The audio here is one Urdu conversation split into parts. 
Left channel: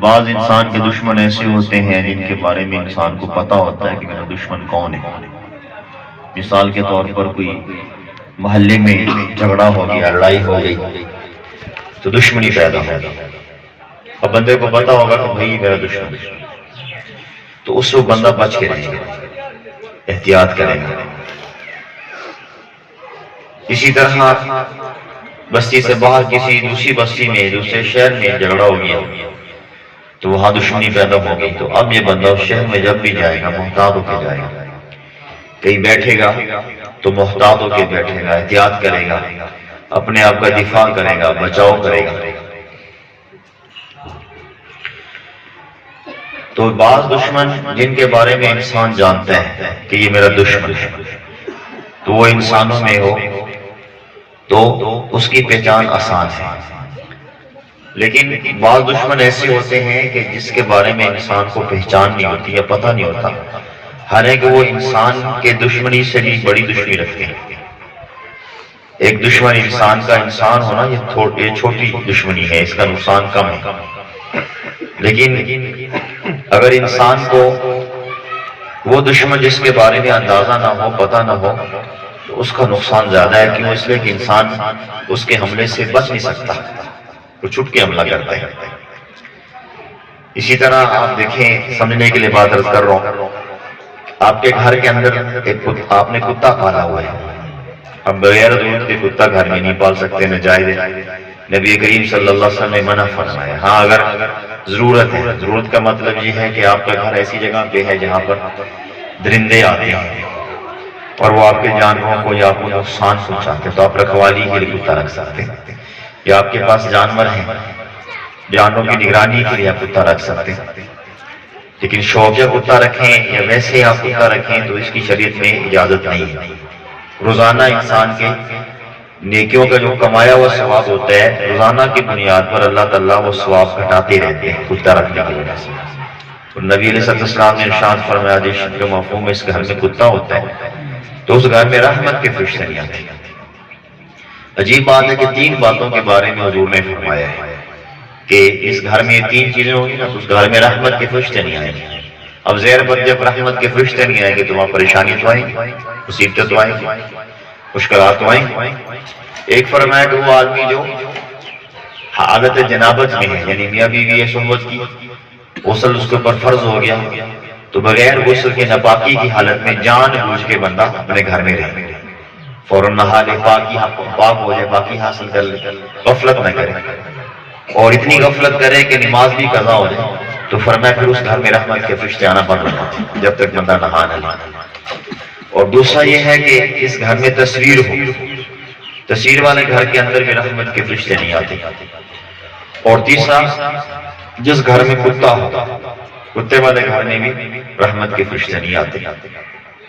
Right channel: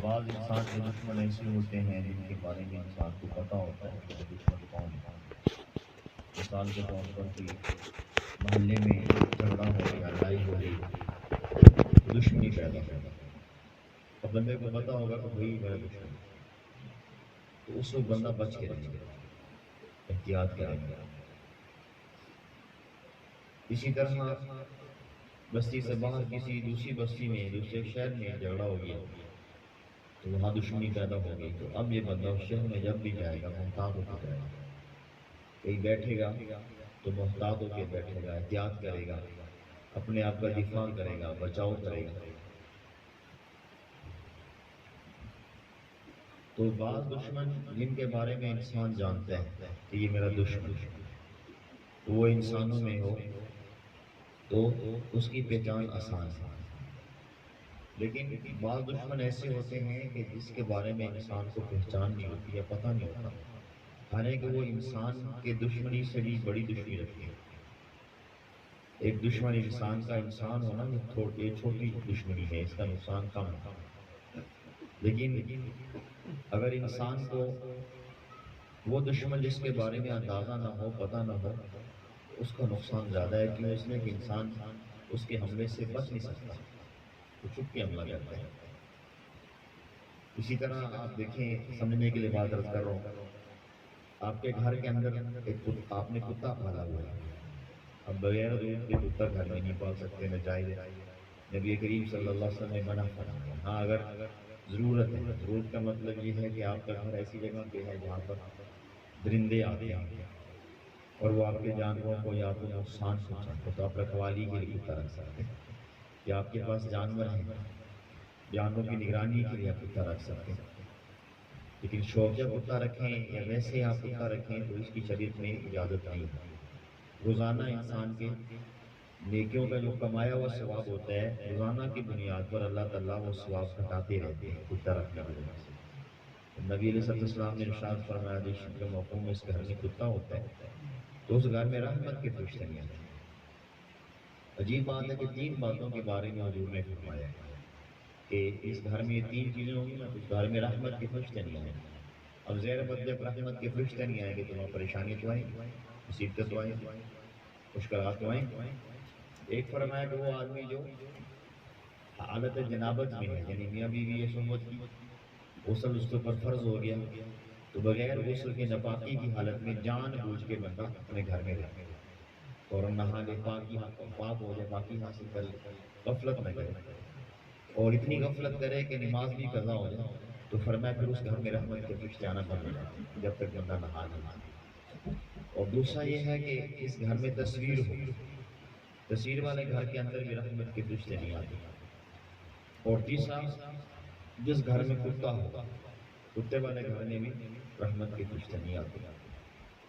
بعض انسان کے دشمن ایسے ہوتے ہیں جن کے بارے میں انسان کو پتا ہوتا ہے کہ میرا دشمن کون ہے۔ مثال کے طور پر کوئی محلے میں جھگڑا ہو گیا، لڑائی ہو گئی تو دشمنی پیدا ہو گئی۔ اب بندے کو پتا ہوگا کہ بھائی میرا دشمن ہے، تو اس وقت بندہ بچ کے رہے گا، احتیاط کرے گا۔ اسی طرح بستی سے باہر کسی دوسری بستی میں، دوسرے شہر میں جھگڑا ہو گیا تو وہاں دشمنی پیدا ہو گئی، تو اب یہ بندہ اس شہر میں جب بھی جائے گا محتاط ہو کے جائے گا، کہیں بیٹھے گا تو محتاط ہو کے بیٹھے گا، احتیاط کرے گا، اپنے آپ کا دفاع کرے گا، بچاؤ کرے گا۔ تو بعض دشمن جن کے بارے میں انسان جانتا ہے کہ یہ میرا دشمن ہے، تو وہ انسانوں میں ہو تو اس کی پہچان آسان ہے۔ لیکن بعض دشمن ایسے ہوتے ہیں کہ جس کے بارے میں انسان کو پہچان نہیں ہوتی یا پتہ نہیں ہوتا، حالانکہ وہ انسان کے دشمنی سے بھی بڑی دشمنی رکھتے ہیں۔ ایک دشمن انسان کا انسان ہونا یہ چھوٹی دشمنی ہے، اس کا نقصان کم ہے۔ لیکن اگر انسان کو وہ دشمن جس کے بارے میں اندازہ نہ ہو، پتہ نہ ہو، تو اس کا نقصان زیادہ ہے۔ کیوں؟ اس لیے کہ انسان اس کے حملے سے بچ نہیں سکتا، وہ چھپ کے حملہ کرتا ہے۔ اسی طرح آپ دیکھیں، سمجھنے کے لیے بات عرض کر رہا ہوں، آپ کے گھر کے اندر آپ نے کتا پالا ہوا ہے، اب بغیر ضرورت کے کتا گھر میں نہیں پال سکتے، ناجائز ہے۔ نبی کریم صلی اللہ علیہ وسلم نے منع فرمایا۔ ہاں اگر ضرورت ہے، ضرورت کا مطلب یہ ہے کہ آپ کا گھر ایسی جگہ پہ ہے جہاں پر درندے آتے ہیں اور وہ آپ کے جانوروں کو یا آپ کو نقصان پہنچاتے ہیں، تو آپ رکھوالی کے لیے کتا رکھ سکتے ہیں، یا آپ کے پاس جانور ہیں، جانوروں کی نگرانی کے لیے آپ کتا رکھ سکتے ہیں۔ لیکن شوقیہ کتا رکھیں یا ویسے آپ کتا رکھیں تو اس کی شریعت میں اجازت نہیں ہے۔ روزانہ انسان کے نیکیوں کا جو کمایا ہوا ثواب ہوتا ہے، روزانہ کی بنیاد پر اللہ تعالیٰ وہ ثواب گھٹاتے رہتے ہیں کتا رکھنے کی وجہ سے۔ اور نبی علیہ السلام نے ارشاد فرمایا، حدیث کے مفہوم میں اس گھر میں کتا ہوتا ہے تو اس گھر میں رحمت کے فرشتے نہیں آتے۔ عجیب بات ہے کہ 3 باتوں کے بارے میں حضور نے فرمایا ہے کہ اس گھر میں 3 چیزیں ہوں گی نا تو اس گھر میں رحمت کے فرشتے نہیں آئیں گے۔ اب زہر بد جب رحمت کے فرشتے نہیں آئیں گے تو وہاں پریشانی تو آئیں گی، مصیبتیں تو آئیں گی، مشکلات تو آئیں گی۔ ایک فرمایا کہ وہ آدمی جو حالت جنابت میں ہے، یعنی میاں بیوی صحبت کی، غسل اس کے اوپر فرض ہو گیا، تو بغیر غسل کے ناپاکی کی حالت میں جان بوجھ کے بندہ اپنے گھر میں رہے، فوراً نہا لے، پاک ہو جائے، باقی حاصل کر لے، غفلت نہ کرے، اور اتنی غفلت کرے کہ نماز بھی قضا ہو جائے، تو فرمایا پھر اس گھر میں رحمت کے فرشتے آنا بند ہو جاتے ہیں جب تک بندہ نہا نہ لے۔ اور دوسرا یہ ہے کہ اس گھر میں تصویر ہو، تصویر والے گھر کے اندر بھی رحمت کے فرشتے نہیں آتے۔ اور تیسرا، جس گھر میں کتا ہو، کتے والے گھر میں بھی رحمت کے فرشتے نہیں آتے۔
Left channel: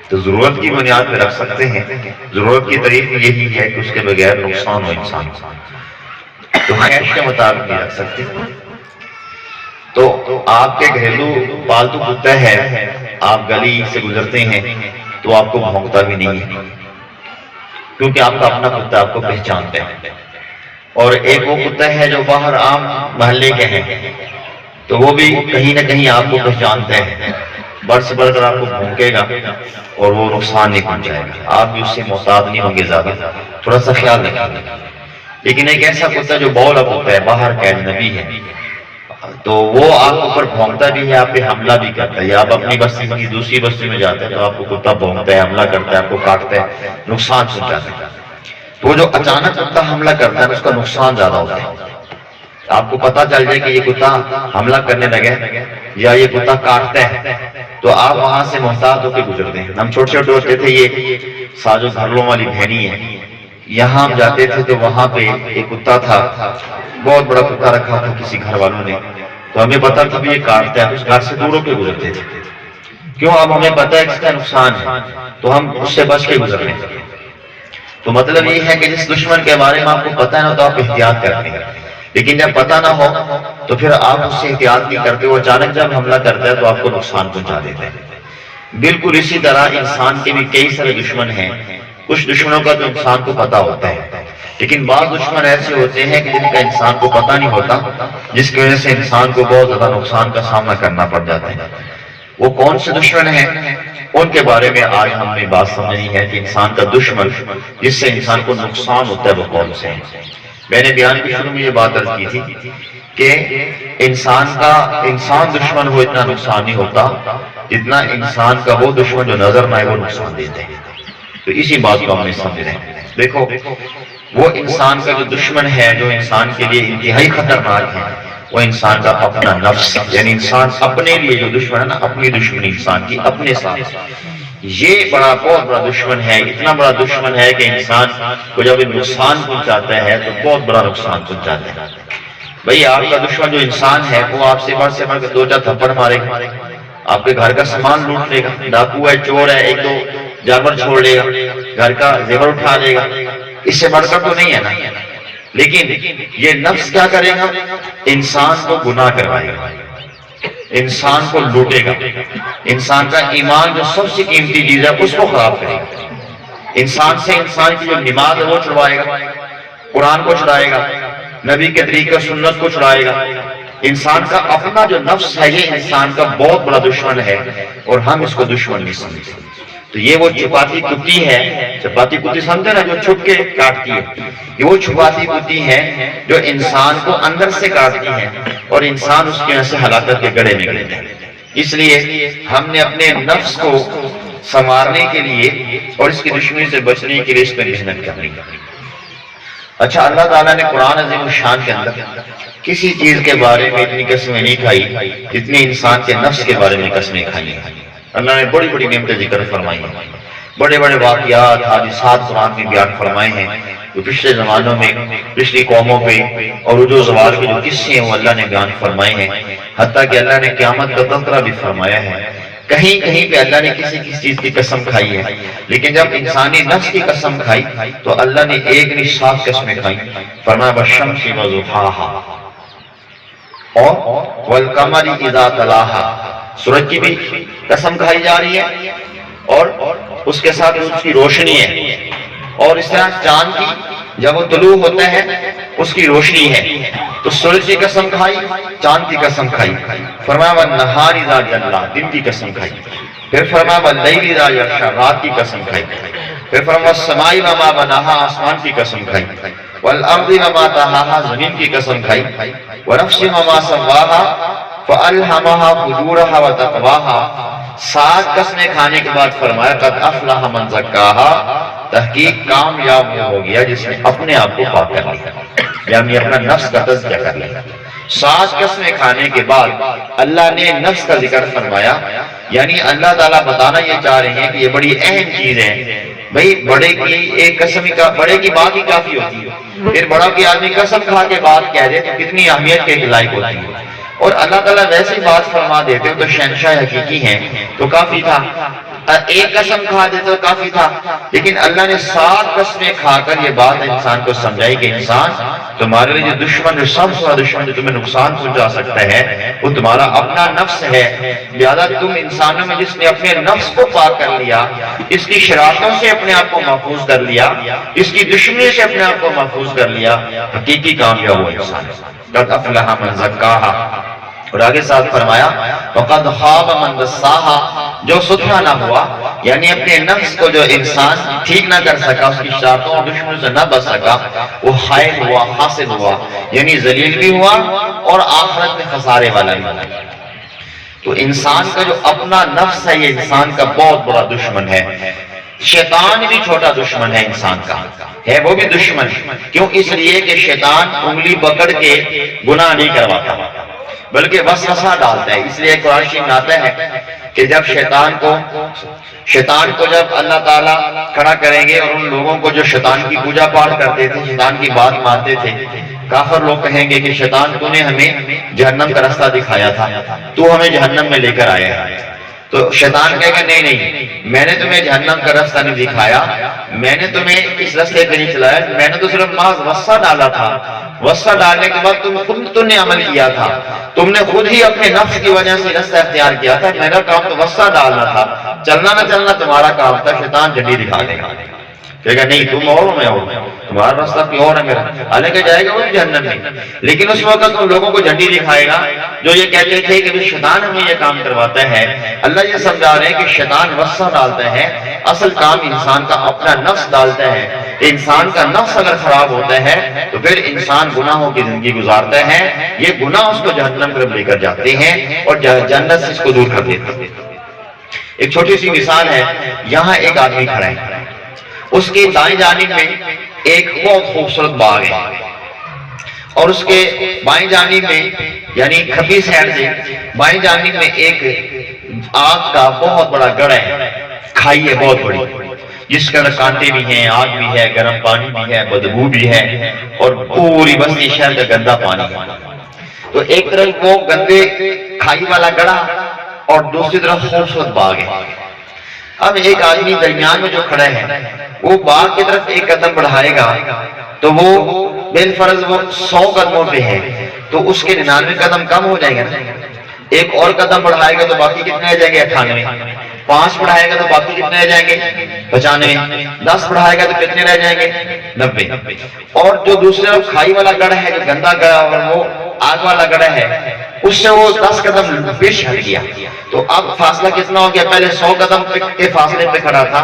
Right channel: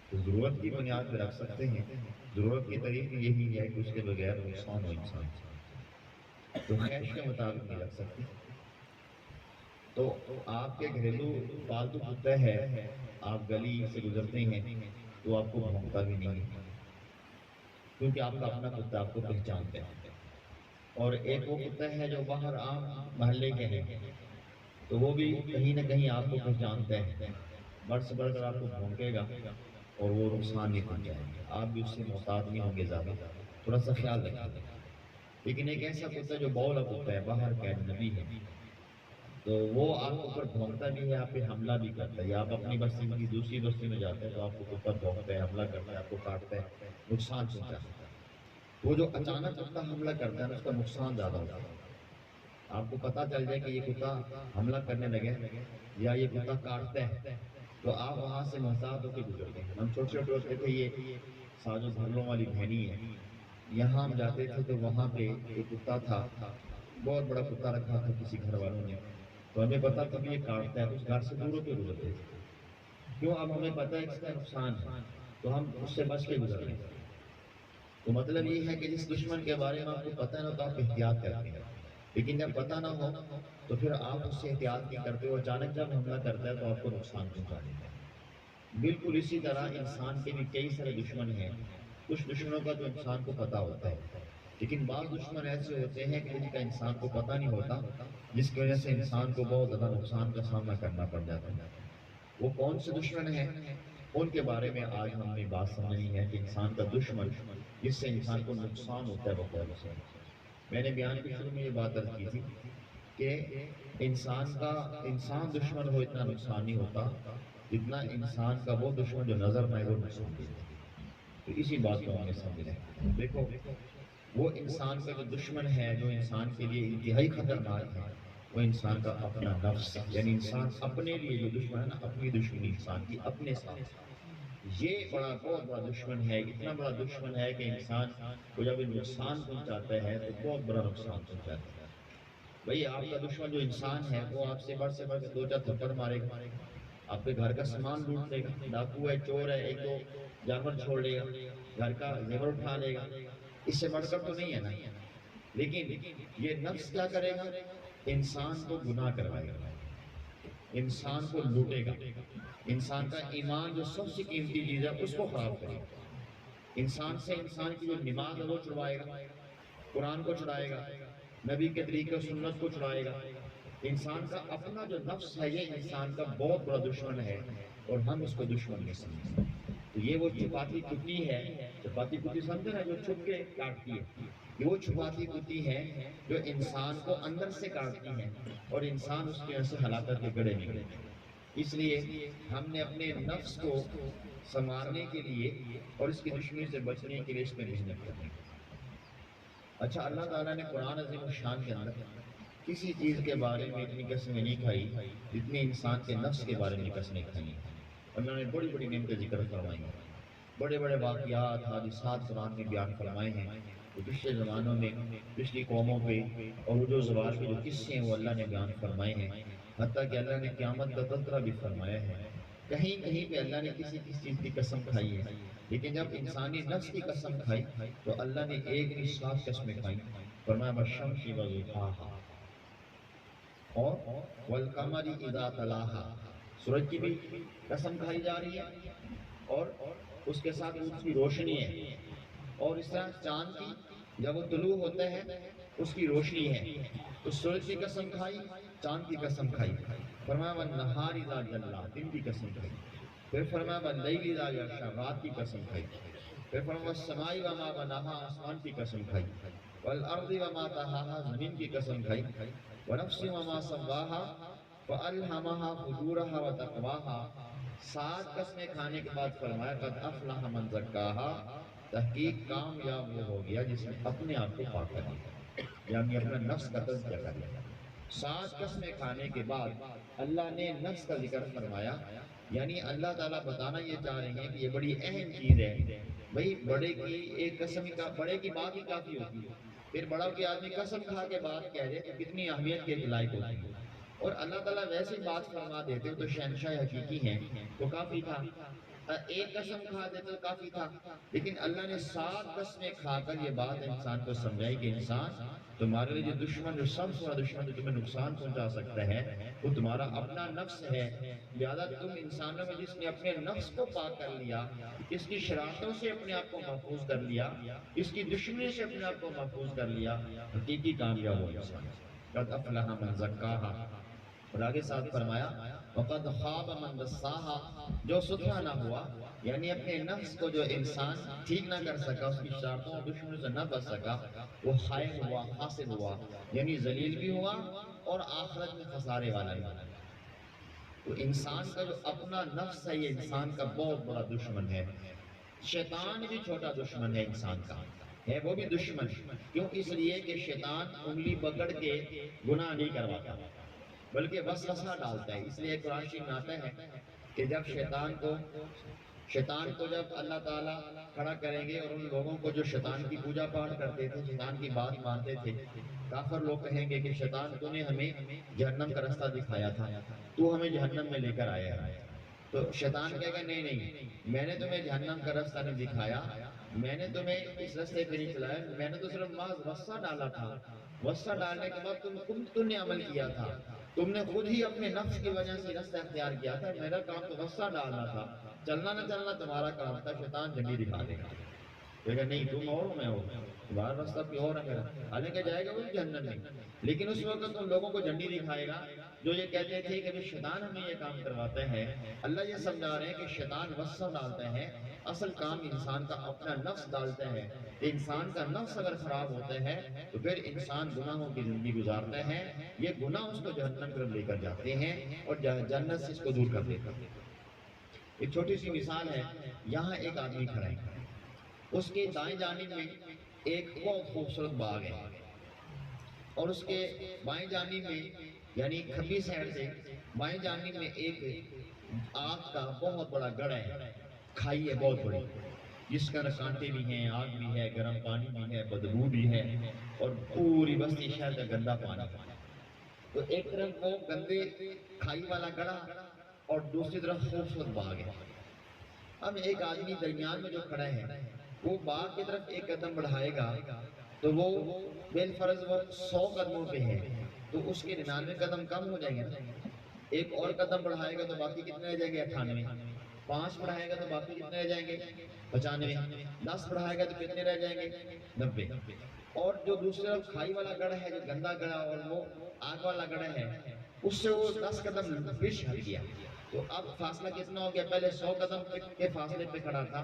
تو ضرورت کی بنیاد پہ رکھ سکتے ہیں، ضرورت کی طریق یہی ہے کہ اس کے بغیر نقصان ہو انسان کو، تو خواہش کے مطابق نہیں رکھ سکتے۔ تو آپ کے گھریلو پالتو کتا ہے، آپ گلی سے گزرتے ہیں تو آپ کو بھونکتا بھی نہیں ہے، کیونکہ آپ کا اپنا کتا آپ کو پہچانتا ہے۔ اور ایک وہ کتا ہے جو باہر عام محلے کے ہیں، تو وہ بھی کہیں نہ کہیں آپ کو پہچانتے ہیں، بڑھ سے بڑھ کر آپ کو بھونکے گا اور وہ نقصان نہیں پہنچائے گا، آپ بھی اس سے محتاط نہیں ہوں گے زیادہ، تھوڑا سا خیال رکھیں۔ لیکن ایک ایسا کتا جو بولا ہوتا ہے، باہر کا اجنبی ہے، تو وہ آپ کے اوپر بھونکتا بھی ہے، آپ پہ حملہ بھی کرتا ہے، یا آپ اپنی بستی کی دوسری بستی میں جاتے ہیں تو آپ کو کتا بھونکتا ہے، حملہ کرتا ہے، آپ کو کاٹتا ہے، نقصان پہنچاتا ہے۔ تو جو اچانک کتا حملہ کرتا ہے اس کا نقصان زیادہ ہوتا ہے۔ آپ کو پتہ چل جائے کہ یہ کتا حملہ کرنے لگے یا یہ کتا کاٹتا ہے تو آپ وہاں سے محتاط ہو کے گزرتے ہیں۔ ہم چھوٹے چھوٹے ہوتے تھے، یہ ساجو گھرلوں والی بہنی ہے، یہاں ہم جاتے تھے تو وہاں پہ ایک کتا تھا، بہت بڑا کتا رکھا تھا کسی گھر والوں نے، تو ہمیں پتا تھا بھی یہ کاٹتا ہے، اس گھر سے دور ہو کے گزرتے تھے۔ کیوں؟ اب ہمیں پتہ ہے کہ اس کا نقصان ہے تو ہم اس سے بچ کے گزر رہے ہیں۔ تو مطلب یہ ہے کہ جس دشمن کے بارے میں آپ کو پتہ ہے نا تو آپ احتیاط کرتے ہیں، لیکن جب پتہ نہ ہو تو پھر آپ اس سے احتیاط نہیں کرتے، وہ اچانک جب حملہ کرتا ہے تو آپ کو نقصان پہنچا دیتا ہے۔ بالکل اسی طرح انسان کے بھی کئی سارے دشمن ہیں، کچھ دشمنوں کا تو انسان کو پتہ ہوتا ہے، لیکن بعض دشمن ایسے ہوتے ہیں کہ جن کا انسان کو پتہ نہیں ہوتا، جس کی وجہ سے انسان کو بہت زیادہ نقصان کا سامنا کرنا پڑ جاتا ہے۔ وہ کون سے دشمن ہیں؟ ان کے بارے میں آج ہم نے بات سمجھنی ہے کہ انسان کا دشمن جس سے انسان کو نقصان ہوتا ہے وہ کون سے ہیں۔ میں نے بیان کے شروع میں یہ بات عرض کی تھی کہ انسان دشمن ہو اتنا نقصان نہیں ہوتا جتنا انسان کا وہ دشمن جو نظر نہ آئے وہ نقصان دیتے ہیں۔ تو اسی بات کو ہم نے سمجھ رہے ہیں۔ دیکھو، وہ انسان کا جو دشمن ہے جو انسان کے لیے انتہائی خطرناک ہے، وہ انسان کا اپنا نفس، یعنی انسان اپنے لیے جو دشمن ہے نا، اپنی دشمنی انسان کی اپنے ساتھ، یہ بہت بڑا دشمن ہے۔ اتنا بڑا دشمن ہے کہ انسان کو جب نقصان پہنچاتا ہے تو بہت بڑا نقصان پہنچاتا ہے۔ بھئی آپ کا دشمن جو انسان ہے وہ آپ سے بڑھ کے 2-4 تھپڑ مارے گا، آپ کے گھر کا سامان لوٹ لے گا، ڈاکو ہے، چور ہے، 1-2 جانور چھوڑ لے گا، گھر کا زیور اٹھا لے گا، اس سے بڑھ کر تو نہیں ہے نا۔ لیکن یہ نفس کیا کرے گا؟ انسان کو گناہ کروائے گا، انسان کو لوٹے گا، انسان کا ایمان جو سب سے قیمتی چیز ہے اس کو خراب کرے گا، انسان سے انسان کی جو نماز ہے وہ چھڑوائے گا، قرآن کو چھڑائے گا، نبی کے طریقہ سنت کو چھڑائے گا۔ انسان کا اپنا جو نفس ہے یہ انسان کا بہت بڑا دشمن ہے اور ہم اس کو دشمن نہیں سمجھتے۔ تو یہ وہ چھپاتی کتی ہے، چھپاتی کتی سمجھتے نا، جو چھپ کے کاٹتی ہے، یہ وہ چھپاتی کتی ہے جو انسان کو اندر سے کاٹتی ہے اور انسان اس کی وجہ سے ہلاکت کے گڑھے میں گرتا ہے۔ اس لیے ہم نے اپنے نفس کو سنوارنے کے لیے اور اس کی دشمنی سے بچنے کے لیے اس پر محنت کرنی ہے۔ اچھا، اللہ تعالیٰ نے قرآن عظیم الشان کے اندر کسی چیز کے بارے میں اتنی قسمیں نہیں کھائی جتنی انسان کے نفس کے بارے میں قسمیں کھائی ہیں۔ اللہ نے بڑی بڑی نعمتیں ذکر فرمائی ہیں، بڑے بڑے واقعات، حادثات قرآن میں بیان فرمائے ہیں جو پچھلے زمانوں میں پچھلی قوموں پہ اور عروج زوال کے جو قصے ہیں وہ اللہ نے بیان فرمائے ہیں۔ حتیٰ کہ اللہ نے قیامت کا تذکرہ بھی فرمایا ہے۔ کہیں کہیں پہ اللہ نے کسی چیز کی قسم کھائی ہے، لیکن جب انسانی نفس کی قسم کھائی تو اللہ نے ایک نہیں 7 قسمیں کھائی۔ فرمایا والشمس وضحاہا اور والقمر اذا تلاہا، سورج کی بھی قسم کھائی جا رہی ہے اور اس کے ساتھ اس کی روشنی ہے، اور اس طرح چاند کی جب وہ طلوع ہوتا ہے اس کی روشنی ہے، تو سورج کی قسم کھائی، چاند کی قسم کھائی۔ فرمایا والنہار اذا جلا، دن کی قسم کھائی۔ پھر فرمایا واللیل اذا یغشی، رات کی قسم کھائی۔ پھر فرمایا والسماء وما بناہا، آسمان کی قسم کھائی۔ والارض وما طحاہا، زمین کی قسم کھائی۔ ونفس وما سواہا فألہمہا فجورہا وتقواہا، 7 قسمیں کھانے کے بعد فرمایا قد افلح من زکاہا، تحقیق کامیاب ہو گیا جس نے اپنے آپ کو پاک کر لیا، یعنی اپنا نفس کا تزکیہ کر لیا۔ 7 قسمیں کھانے کے بعد اللہ نے نفس کا ذکر فرمایا، یعنی اللہ تعالیٰ بتانا یہ چاہ رہے ہیں کہ یہ بڑی اہم چیز ہے۔ بھئی بڑے کی ایک قسم کا، بڑے کی بات ہی کافی ہوتی ہے، پھر بڑا کی آدمی قسم کھا کے بات کہہ دے تو کتنی اہمیت کے لائق ہوتی ہے، اور اللہ تعالیٰ ویسی بات فرما دیتے تو شہنشاہ حقیقی ہیں تو کافی تھا، ایک قسم کھا دیتے تو کافی تھا، لیکن اللہ نے 7 قسمیں کھا کر یہ بات انسان کو سمجھائی کہ انسان تمہارے لیے جو دشمن، جو سب سے بڑا دشمن جو تمہیں نقصان پہنچا سکتا ہے وہ تمہارا اپنا نفس ہے۔ لہذا تم انسانوں میں جس نے اپنے نفس کو پاک کر لیا، اس کی شرارتوں سے اپنے آپ کو محفوظ کر لیا، اس کی دشمنی سے اپنے آپ کو محفوظ کر لیا، حقیقی کامیاب وہ انسان ہے۔ قد افلح من زکاہا، اور آگے ساتھ فرمایا وقد خاب من دساہا، جو ستھرا نہ ہوا، یعنی اپنے نفس کو جو انسان ٹھیک نہ کر سکا، اس کی شرارتوں اور دشمنوں سے نہ بچ سکا، وہ خائب ہوا، خاسر ہوا، یعنی ذلیل بھی ہوا اور آخرت میں خسارے والا بھی ہوا۔ تو انسان کا جو اپنا نفس ہے یہ انسان کا بہت بڑا دشمن ہے۔ شیطان بھی چھوٹا دشمن ہے انسان کا، ہے وہ بھی دشمن، کیوں؟ اس لیے کہ شیطان انگلی پکڑ کے گناہ نہیں کرواتا بلکہ وسوسہ ڈالتا ہے۔ اس لیے قرآن شریف میں آتا ہے کہ جب شیطان کو جب اللہ تعالیٰ کھڑا کریں گے اور ان لوگوں کو جو شیطان کی پوجا پاٹ کرتے تھے، شیطان کی بات مانتے تھے، کافر لوگ کہیں گے کہ شیطان تو نے ہمیں جہنم کا راستہ دکھایا تھا، تو ہمیں جہنم میں لے کر آیا ہے۔ تو شیطان کہے گا نہیں نہیں، میں نے تمہیں جہنم کا راستہ نہیں دکھایا، میں نے تمہیں اس راستے پہ نہیں چلایا، میں نے تو صرف محض وسوسہ ڈالا تھا، وسوسہ ڈالنے کے بعد تم نے عمل کیا تھا، تم نے خود ہی اپنے نفس کی وجہ سے راستہ اختیار کیا تھا، میرا کام تو وسوسہ ڈالنا تھا، چلنا نہ چلنا تمہارا کام تھا۔ شیطان جھنڈی دکھا دے گا، کہے گا نہیں تم اور میں اور، تمہارا راستہ کوئی اور ہے میرا، حالانکہ جائے گا وہ بھی جہنم میں۔ لیکن اس وقت ان لوگوں کو جھنڈی دکھائے گا جو یہ کہتے تھے کہ شیطان ہمیں یہ کام کرواتا ہے۔ اللہ یہ سمجھا رہے ہیں کہ شیطان وسوسہ ڈالتا ہے، اصل کام انسان کا اپنا نفس ڈالتا ہے۔ انسان کا نفس اگر خراب ہوتا ہے تو پھر انسان گناہوں کی زندگی گزارتا ہے، یہ گناہ اس کو جہنم طرف لے کر جاتے ہیں اور جنت سے اس کو دور کر دیتے ہیں۔ ایک چھوٹی سی مثال ہے، یہاں ایک آدمی کھڑا ہے، اس کی دائیں جانب میں ایک بہت خوبصورت باغ ہے اور اس کے بائیں جانب میں یعنی کھبی سائڈ سے بائیں جانب میں ایک آگ کا بہت بڑا گڑھ ہے، کھائی ہے بہت بڑی، جس کا کانٹے بھی ہیں، آگ بھی ہے، گرم پانی بھی ہے، بدبو بھی ہے اور پوری بستی شہر کا گندا پانی ہے۔ تو ایک طرف وہ گندے کھائی والا گڑھا اور دوسری طرف خوبصورت باغ ہے۔ اب ایک آدمی درمیان میں جو کھڑا ہے وہ باغ کی طرف ایک قدم بڑھائے گا تو وہ بالفرض وہ 100 قدموں پہ ہے تو اس کے 99 قدم کم ہو جائیں گے نا۔ ایک اور قدم بڑھائے گا تو باقی کتنے رہ جائیں گے؟ 98۔ 5 بڑھائے گا تو باقی کتنے رہ جائیں گے؟ 95۔ 10 بڑھائے گا تو کتنے رہ جائیں گے؟ 90۔ اور جو دوسرے کھائی والا گڑھ ہے، جو گندا گڑھ اور وہ آگ والا گڑھ ہے، اس سے وہ 10 قدم پیش ہٹ گیا تو اب فاصلہ کتنا ہو گیا؟ پہلے 100 قدم کے فاصلے پہ کھڑا تھا،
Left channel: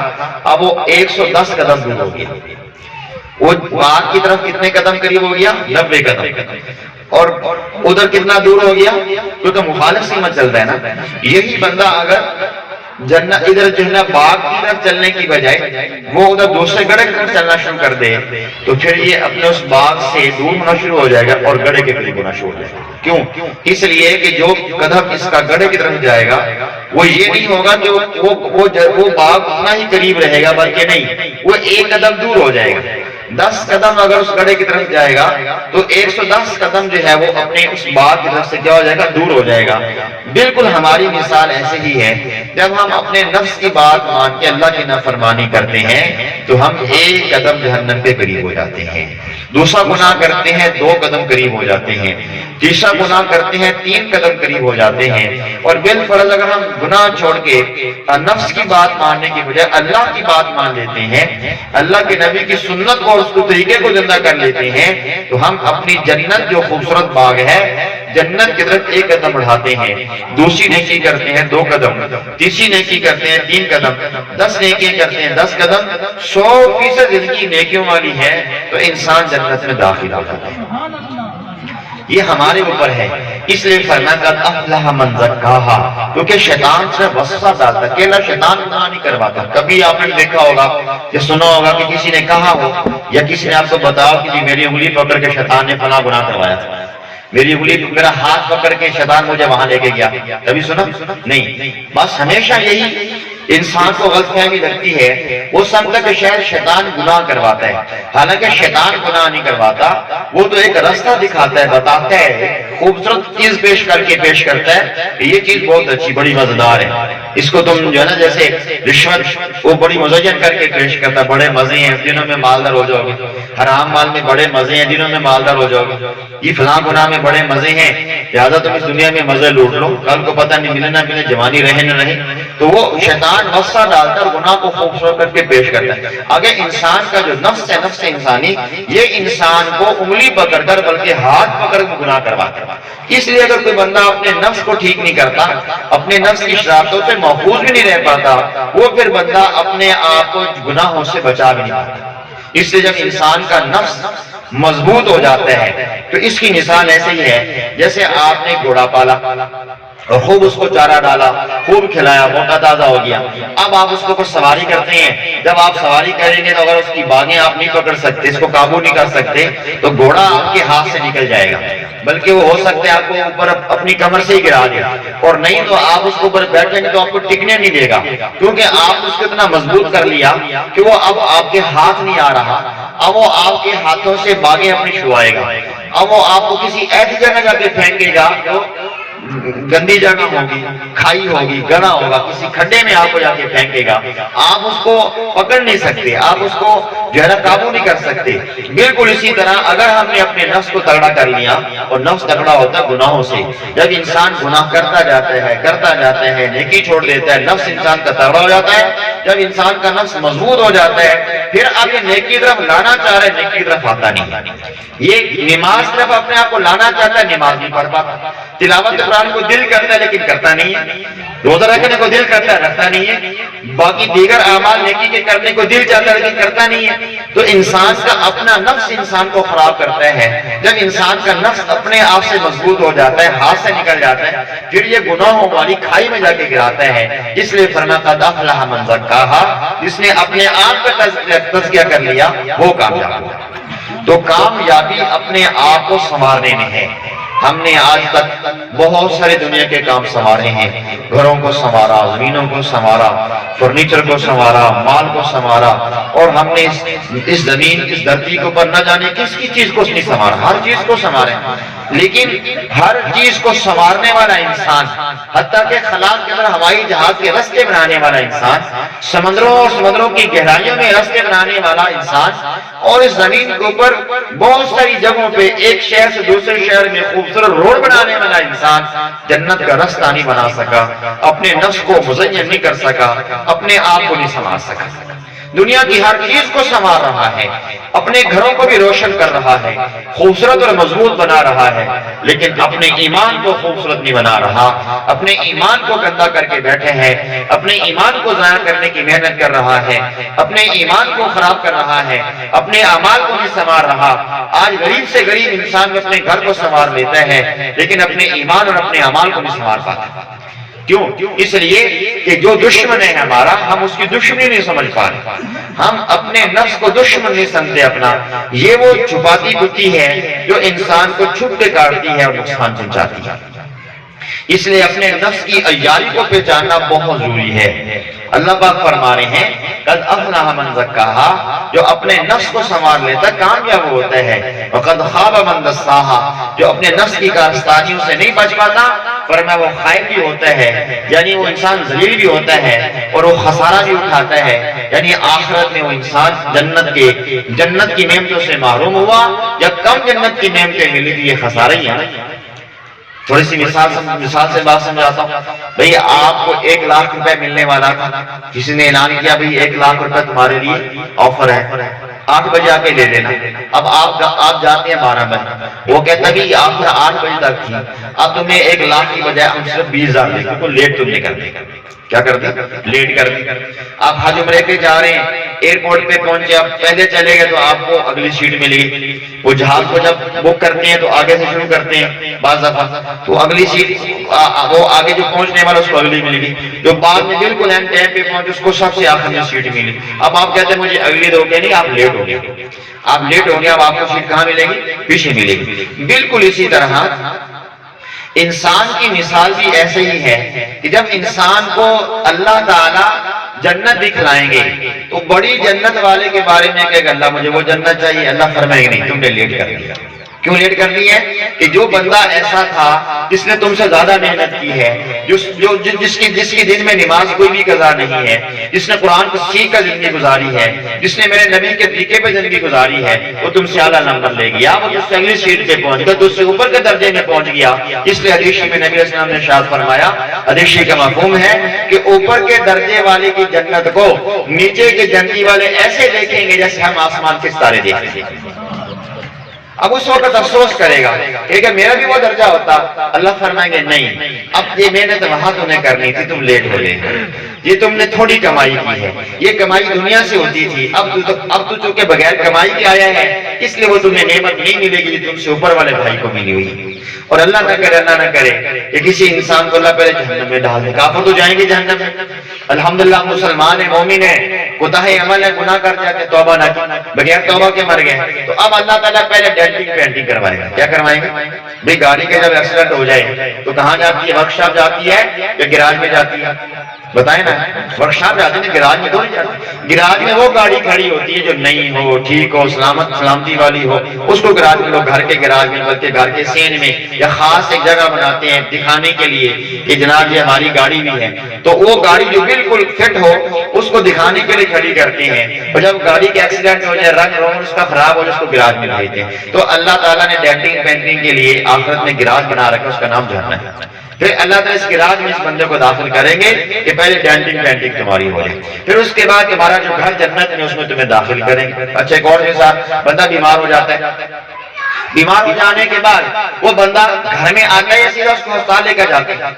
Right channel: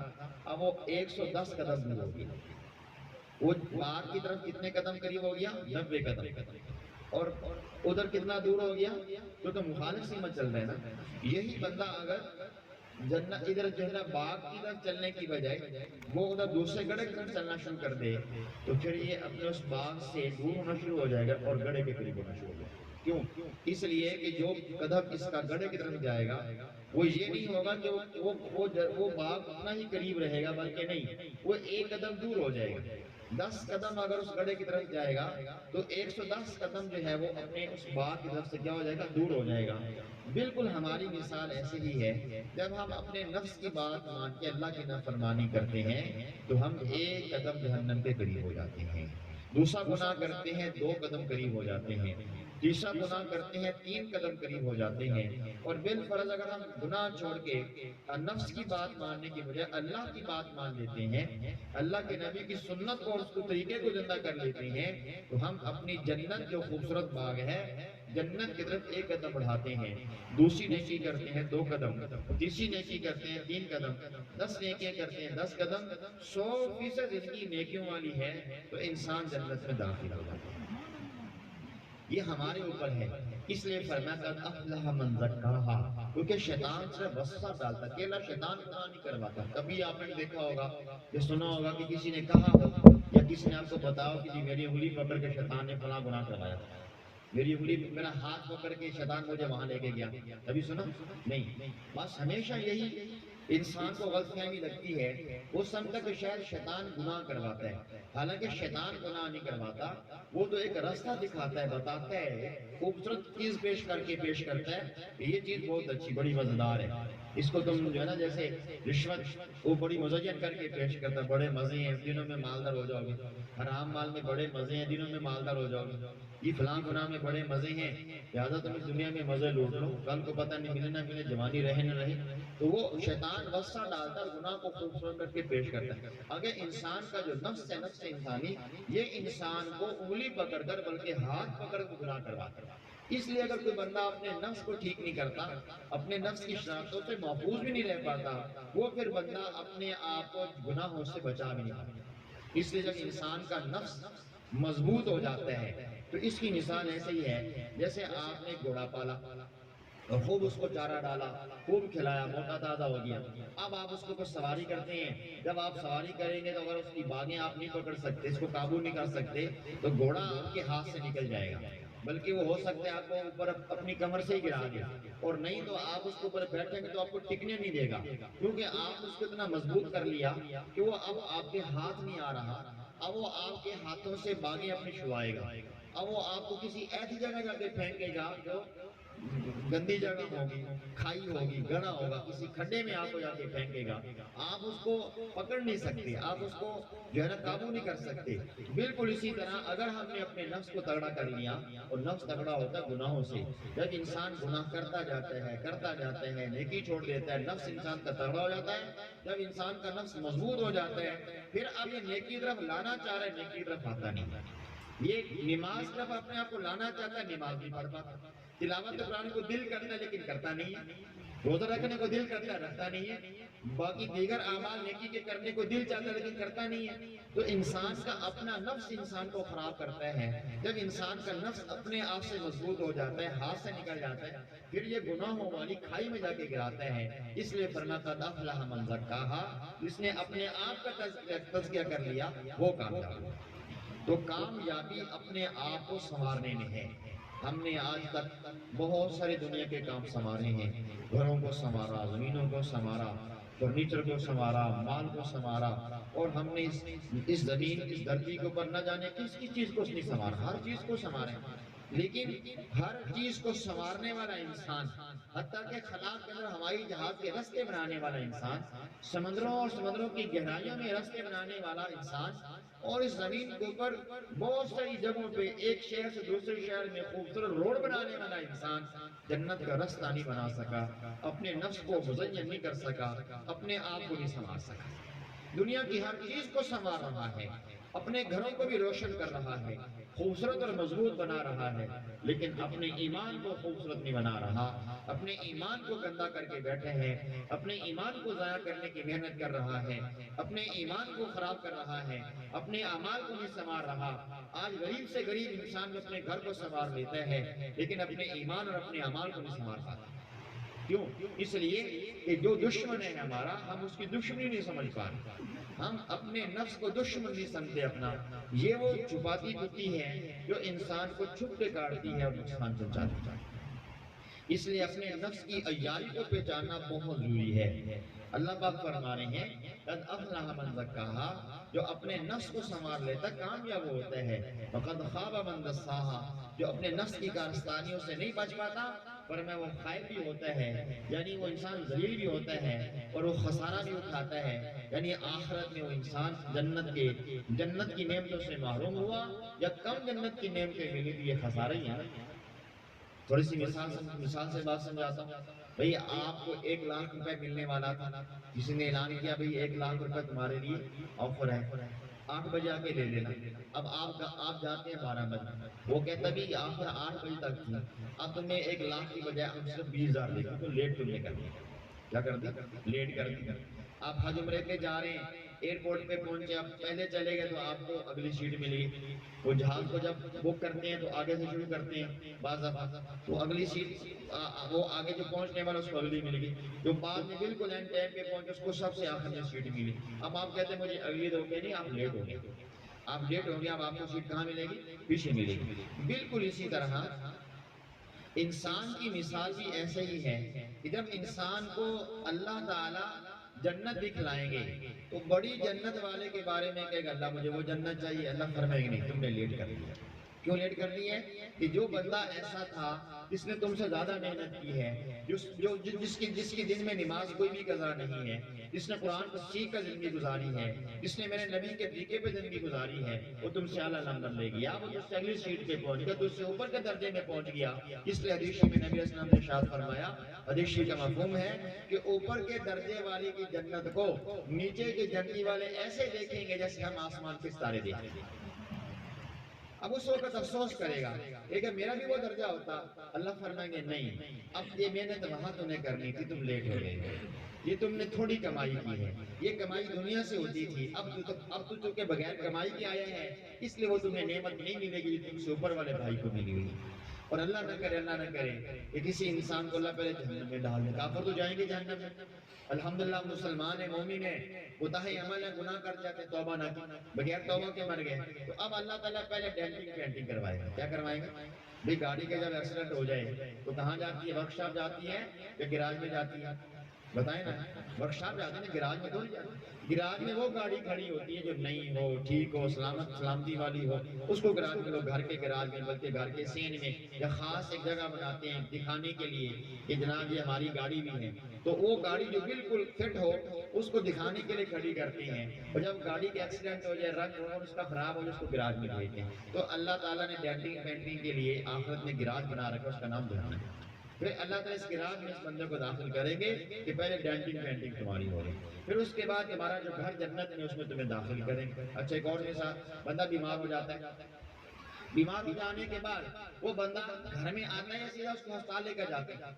اب وہ 110 قدم دور ہو گیا۔ وہ باغ کی طرف کتنے قدم قریب ہو گیا؟ 90 قدم۔ اور ادھر کتنا دور ہو گیا؟ کیونکہ مخالف سمت چلتا ہے نا۔ یہی بندہ اگر جنت ادھر جو ہے نا باغ کی طرف چلنے کی بجائے وہ ادھر دوسرے گڑھے کی طرف چلنا شروع کر دے تو پھر یہ اپنے اس باغ سے دور ہونا شروع ہو جائے گا اور گڑھے کے قریب ہونا شروع ہو جائے گا۔ کیوں؟ اس لیے کہ جو قدم اس کا گڑھے کی طرف جائے گا وہ یہ نہیں ہوگا کہ وہ باغ اتنا ہی قریب رہے گا، بلکہ نہیں، وہ ایک قدم دور ہو جائے گا۔ 10 قدم اگر اس گڑھے کی طرف جائے گا تو 110 قدم جو ہے وہ اپنے اس باغ کی طرف سے کیا ہو جائے گا؟ دور ہو جائے گا۔ بالکل ہماری مثال ایسے ہی ہے، جب ہم اپنے نفس کی بات مان کے اللہ کی نافرمانی کرتے ہیں تو ہم ایک قدم جہنم پہ قریب ہو جاتے ہیں، دوسرا گناہ کرتے ہیں 2 قدم قریب ہو جاتے ہیں، تیسرا گناہ کرتے ہیں 3 قدم قریب ہو جاتے ہیں۔ اور بالفرض اگر ہم گناہ چھوڑ کے نفس کی بات ماننے کی بجائے اللہ کی بات مان لیتے ہیں، اللہ کے نبی کی سنت کو اور اس کو طریقے کو زندہ کر لیتے ہیں تو ہم اپنی جنت جو خوبصورت باغ ہے جنت کی طرف ایک قدم بڑھاتے ہیں، دوسری نیکی کرتے ہیں 2 قدم، تیسری نیکی کرتے ہیں 3 قدم، 10 نیکی کرتے ہیں 10 قدم، 100% زندگی نیکیوں والی ہے تو انسان جنت میں داخل ہو جاتا ہے۔ یہ ہمارے اوپر ہے، اس لیے فرمایا قد افلح من زکاہا، کیونکہ شیطان سے وسوسہ ڈالتا ہے، اکیلا شیطان گناہ نہیں کرواتا۔ کبھی آپ نے دیکھا ہوگا یا سنا ہوگا کہ کسی نے کہا ہو یا کسی نے آپ کو بتاؤ کہ میری انگلی پکڑ کے شیطان نے فلاں گناہ کروایا تھا، میری انگلی میرا ہاتھ پکڑ کے شیطان مجھے وہاں لے کے گیا، کبھی سنا؟ نہیں۔ بس ہمیشہ یہی انسان کو غلط فہمی لگتی ہے، وہ سمجھتا کہ شاید شیطان گناہ کرواتا ہے، حالانکہ شیطان گناہ نہیں کرواتا، وہ تو ایک راستہ دکھاتا ہے، بتاتا ہے، خوبصورت چیز پیش کر کے پیش کرتا ہے کہ یہ چیز بہت اچھی بڑی مزیدار ہے، اس کو تم جو ہے نا جیسے رشوت وہ بڑی مزین کر کے پیش کرتا ہے، بڑے مزے ہیں دنوں میں مالدار ہو جاؤ گے، حرام مال میں بڑے مزے ہیں دنوں میں مالدار ہو جاؤ گے، یہ فلاں گناہ میں بڑے مزے ہیں لہٰذا تم اس دنیا میں مزے لوٹ لو، کل کو پتہ نہیں ملے نہ ملے، جوانی رہے نہ رہے، تو وہ شیطان وسوسہ ڈال کر گناہ کو خوبصورت کر کے پیش کرتا ہے۔ اگر انسان کا جو نفس ہے، نفس انسانی، یہ انسان کو انگلی پکڑ کر بلکہ ہاتھ پکڑ کے گناہ کرواتا ہے۔ اس لیے اگر کوئی بندہ اپنے نفس کو ٹھیک نہیں کرتا، اپنے نفس کی شرارتوں سے محفوظ بھی نہیں رہ پاتا، وہ پھر بندہ اپنے آپ کو گناہوں سے بچا بھی نہیں پاتا۔ اس لیے جب انسان کا نفس مضبوط ہو جاتا ہے تو اس کی مثال ایسے ہی ہے جیسے آپ نے گھوڑا پالا اور خوب اس کو چارہ ڈالا، خوب کھلایا، موٹا تازہ ہو گیا، اب آپ اس کو کچھ سواری کرتے ہیں، جب آپ سواری کریں گے تو اگر اس کی باگیں آپ نہیں پکڑ سکتے، اس کو قابو نہیں کر سکتے تو گھوڑا آپ کے ہاتھ سے نکل جائے گا، بلکہ وہ ہو سکتا ہے آپ کو اوپر اپنی کمر سے ہی گرا دے، اور نہیں تو آپ اس کے اوپر بیٹھیں گے تو آپ کو ٹکنے نہیں دے گا، کیونکہ آپ اس کو اتنا مضبوط کر لیا کہ وہ اب آپ کے ہاتھ نہیں آ رہا، اب وہ آپ کے ہاتھوں سے باگیں اپنی چھوائے گا، اب وہ آپ کو کسی ایسی جگہ جا کے پھینکے گا گندی جگہ ہوگی، کھائی ہوگی، گڑھا ہوگا، کسی کھڈے میں آپ کو جا کے پھینکے گا، آپ اس کو پکڑ نہیں سکتے، آپ اس کو جو ہے نا قابو نہیں کر سکتے۔ بالکل اسی طرح اگر ہم نے اپنے نفس کو تگڑا کر لیا، اور نفس تگڑا ہوتا ہے گناہوں سے، جب انسان گناہ کرتا جاتا ہے، نیکی چھوڑ دیتا ہے، نفس انسان کا تگڑا ہو جاتا ہے۔ جب انسان کا نفس مضبوط ہو جاتا ہے، پھر آپ یہ نیکی کی طرف لانا چاہ رہے ہیں، نیکی کی طرف آتا نہیں۔ یہ نماز طرف اپنے آپ کو لانا چاہتا ہے، نماز نہیں پڑھ پاتا۔ تلاوت قرآن کو دل کرتا ہے لیکن کرتا نہیں ہے، روزہ رکھنے کو دل کرتا ہے رکھتا نہیں ہے، باقی دیگر اعمال نیکی کے کرنے کو دل چاہتا ہے لیکن کرتا نہیں ہے۔ تو انسان کا اپنا نفس انسان کو خراب کرتا ہے۔ جب انسان کا نفس اپنے آپ سے مضبوط ہو جاتا ہے، ہاتھ سے نکل جاتا ہے، پھر یہ گناہوں والی کھائی میں جا کے گراتا ہے۔ اس لیے فرمایا قد افلح من زکاہا، جس نے اپنے آپ کا تزکیہ کر لیا وہ کامیاب ہوا۔ تو کامیابی اپنے آپ کو سنوارنے میں ہے۔ ہم نے آج تک بہت سارے دنیا کے کام سنوارے ہیں، گھروں کو سنوارا، زمینوں کو سنوارا، فرنیچر کو سنوارا، مال کو سنوارا، اور ہم نے اس زمین، اس دھرتی کے اوپر نہ جانے کس کی چیز کو نہیں سنوارا، ہر چیز کو سنوارے۔ لیکن ہر چیز کو سنوارنے والا انسان، حتیٰ کہ خلا کے اندر ہوائی جہاز کے رستے بنانے والا انسان، سمندروں اور سمندروں کی گہرائیوں میں رستے بنانے والا انسان، اور اس زمین کے اوپر بہت ساری جگہوں پہ ایک شہر سے دوسرے شہر میں خوبصورت روڈ بنانے والا انسان جنت کا رستہ نہیں بنا سکا، اپنے نفس کو مزین نہیں کر سکا، اپنے آپ کو نہیں سنوار سکا۔ دنیا کی ہر چیز کو سنوار رہا ہے، اپنے گھروں کو بھی روشن کر رہا ہے، خوبصورت اور مضبوط بنا رہا ہے، لیکن اپنے ایمان کو خوبصورت نہیں بنا رہا، اپنے ایمان کو گندا کر کے بیٹھے ہیں، اپنے ایمان کو ضائع کرنے کی محنت کر رہا ہے، اپنے ایمان کو خراب کر رہا ہے، اپنے اعمال کو نہیں سنوار رہا۔ آج غریب سے غریب انسان اپنے گھر کو سنوار لیتا ہے لیکن اپنے ایمان اور اپنے اعمال کو نہیں سنوار پاتا۔ کیوں؟ اس لیے کہ جو دشمن ہے ہمارا، ہم اس کی دشمنی نہیں سمجھ پا رہے، ہم اپنے نفس کو دشمن نہیں سمجھتے اپنا۔ یہ وہ چھپاتی بتی ہے جو انسان کو چھپ کے کاٹتی ہے اور نقصان پہنچاتی ہے۔ اس لیے اپنے نفس کی عیاری کو پہچاننا بہت ضروری ہے۔ اللہ پاک فرما رہے ہیں قد افلح من زکاہا، جو اپنے نفس کو سنوار لیتا کامیاب ہوتا ہے، وقد خاب من دساہا، جو اپنے نفس کی کارستانیوں سے نہیں بچ پاتا، فرمایا وہ خائب بھی ہوتا ہے، یعنی وہ انسان ذلیل بھی ہوتا ہے اور وہ خسارہ بھی اٹھاتا ہے، یعنی آخرت میں وہ انسان جنت کی نعمتوں سے محروم ہوا یا کم جنت کی نعمتیں ملی تھی، یہ خسارہ ہی ہے نا۔ تھوڑی سی مثال سے بات سمجھاتا ہوں۔ بھئی آپ کو 1 لاکھ روپے ملنے والا تھا، کسی نے اعلان کیا بھئی 1 لاکھ روپے تمہارے لیے آفر ہے، 8 بجے آ کے لے لینا۔ اب آپ جاتے ہیں 12 بجے، وہ کہتا ہے کہ آفر 8 بجے تک تھی، اب تمہیں 1 لاکھ کی بجائے ہم صرف 20,000 دے، کیونکہ لیٹ تم نہیں کرتے۔ کیا کرتے؟ لیٹ کرتے۔ آپ حج عمرے کے جا رہے ہیں، ایئرپورٹ پہ پہنچے، آپ پہلے چلے گئے تو آپ کو اگلی سیٹ ملے گی۔ وہ جہاز کو جب بک کرتے ہیں تو آگے سے شروع کرتے ہیں بعض دفعہ، تو اگلی سیٹ وہ آگے جو پہنچنے والا اس کو اگلی ملے گی، جو بعد میں بالکل اینڈ ٹائم پہ پہنچے اس کو سب سے آخر میں سیٹ ملی۔ اب آپ کہتے ہیں مجھے اگلی دو کہ نہیں، آپ لیٹ ہو گئے، آپ لیٹ ہو گئے، اب آپ کو سیٹ کہاں ملے گی؟ پیچھے ملے گی۔ بالکل اسی طرح انسان کی مثال بھی ایسے ہی ہے کہ جب انسان کو اللہ تعالیٰ جنت دکھلائیں گے تو بڑی جنت والے کے بارے میں کہے گا اللہ مجھے وہ جنت چاہیے، اللہ فرمائے گا نہیں، تم نے لیٹ کر دیا۔ کیوں لیٹ کر دی ہے؟ کہ جو بندہ ایسا تھا جس نے تم سے زیادہ محنت کی ہے، جس کی دن میں نماز کوئی بھی قضا نہیں ہے، جس نے قرآن کو سیکھ کر زندگی گزاری ہے، جس نے میرے نبی کے طریقے پہ زندگی گزاری ہے، وہ تم سے اعلیٰ نمبر لے گیا، وہ تم سے اگلی سیٹ پہ پہنچ گیا، تو اس سے اوپر کے درجے میں پہنچ گیا۔ اس لیے حدیث میں نبی علیہ السلام نے ارشاد فرمایا، حدیث کا مفہوم ہے کہ اوپر کے درجے والے کی جنت کو نیچے کے جنتی والے ایسے دیکھیں گے جیسے ہم آسمان کے ستارے دیکھتے ہیں۔ اب اس وقت افسوس کرے گا کہ میرا بھی وہ درجہ ہوتا، اللہ فرمائیں گے نہیں، اب یہ محنت وہاں تمہیں کرنی تھی، تم لیٹ ہو گئے، یہ تم نے تھوڑی کمائی کی ہے، یہ کمائی دنیا سے ہوتی تھی، اب تو چونکہ بغیر کمائی کے آیا ہے اس لیے وہ تمہیں نعمت نہیں ملے گی جو تم سے اوپر والے بھائی کو ملی ہوئی۔ اور اللہ نہ کرے کہ کسی انسان کو اللہ پہلے جہنم میں ڈال دے، کافر تو جائیں گے جہنم میں، الحمدللہ مسلمان ہے، مومن ہے، کوتاہ عمل ہے، گناہ کر جاتے توبہ نہ کی، بغیر توبہ کے مر گئے، تو اب اللہ تعالیٰ پہلے پینٹنگ کروائے گا۔ کیا کروائے گا؟ بھئی گاڑی کے جب ایکسیڈنٹ ہو جائے تو کہاں جاتی ہے؟ ورک شاپ جاتی ہے یا گراج میں جاتی ہے؟ بتائیں نا، ورکشاپ جاتے ہیں گراج میں تھوڑی جاتے، گراج میں وہ گاڑی کھڑی ہوتی ہے جو نئی ہو، ٹھیک ہو، سلامتی والی ہو، اس کو گراج میں لوگ گھر کے گراج میں بلکہ گھر کے سین میں یا خاص ایک جگہ بناتے ہیں دکھانے کے لیے کہ جناب یہ ہماری گاڑی بھی ہے، تو وہ گاڑی جو بالکل فٹ ہو اس کو دکھانے کے لیے کھڑی کرتے ہیں، اور جب گاڑی کے ایکسیڈنٹ ہو جائے، رنگ روغن اس کا خراب ہو جائے، اس کو گراج میں بھیجتے ہیں۔ تو اللہ تعالیٰ نے ڈینٹنگ پینٹنگ کے لیے آخرت میں گراج بنا رکھا، اس کا نام جہنم ہے۔ پھر اللہ تعالیٰ اس گراج میں اس بندے کو داخل کریں گے کہ پہلے ڈینٹنگ پینٹنگ تمہاری ہو جائے، پھر اس کے بعد تمہارا جو گھر جنت میں اس میں تمہیں داخل کریں گے۔ اچھا ایک اور کے ساتھ بندہ بیمار ہو جاتا ہے، بیمار ہو جانے کے بعد وہ بندہ گھر میں آتا ہے یا سیدھا اس کو ہسپتال لے کر جاتے ہیں؟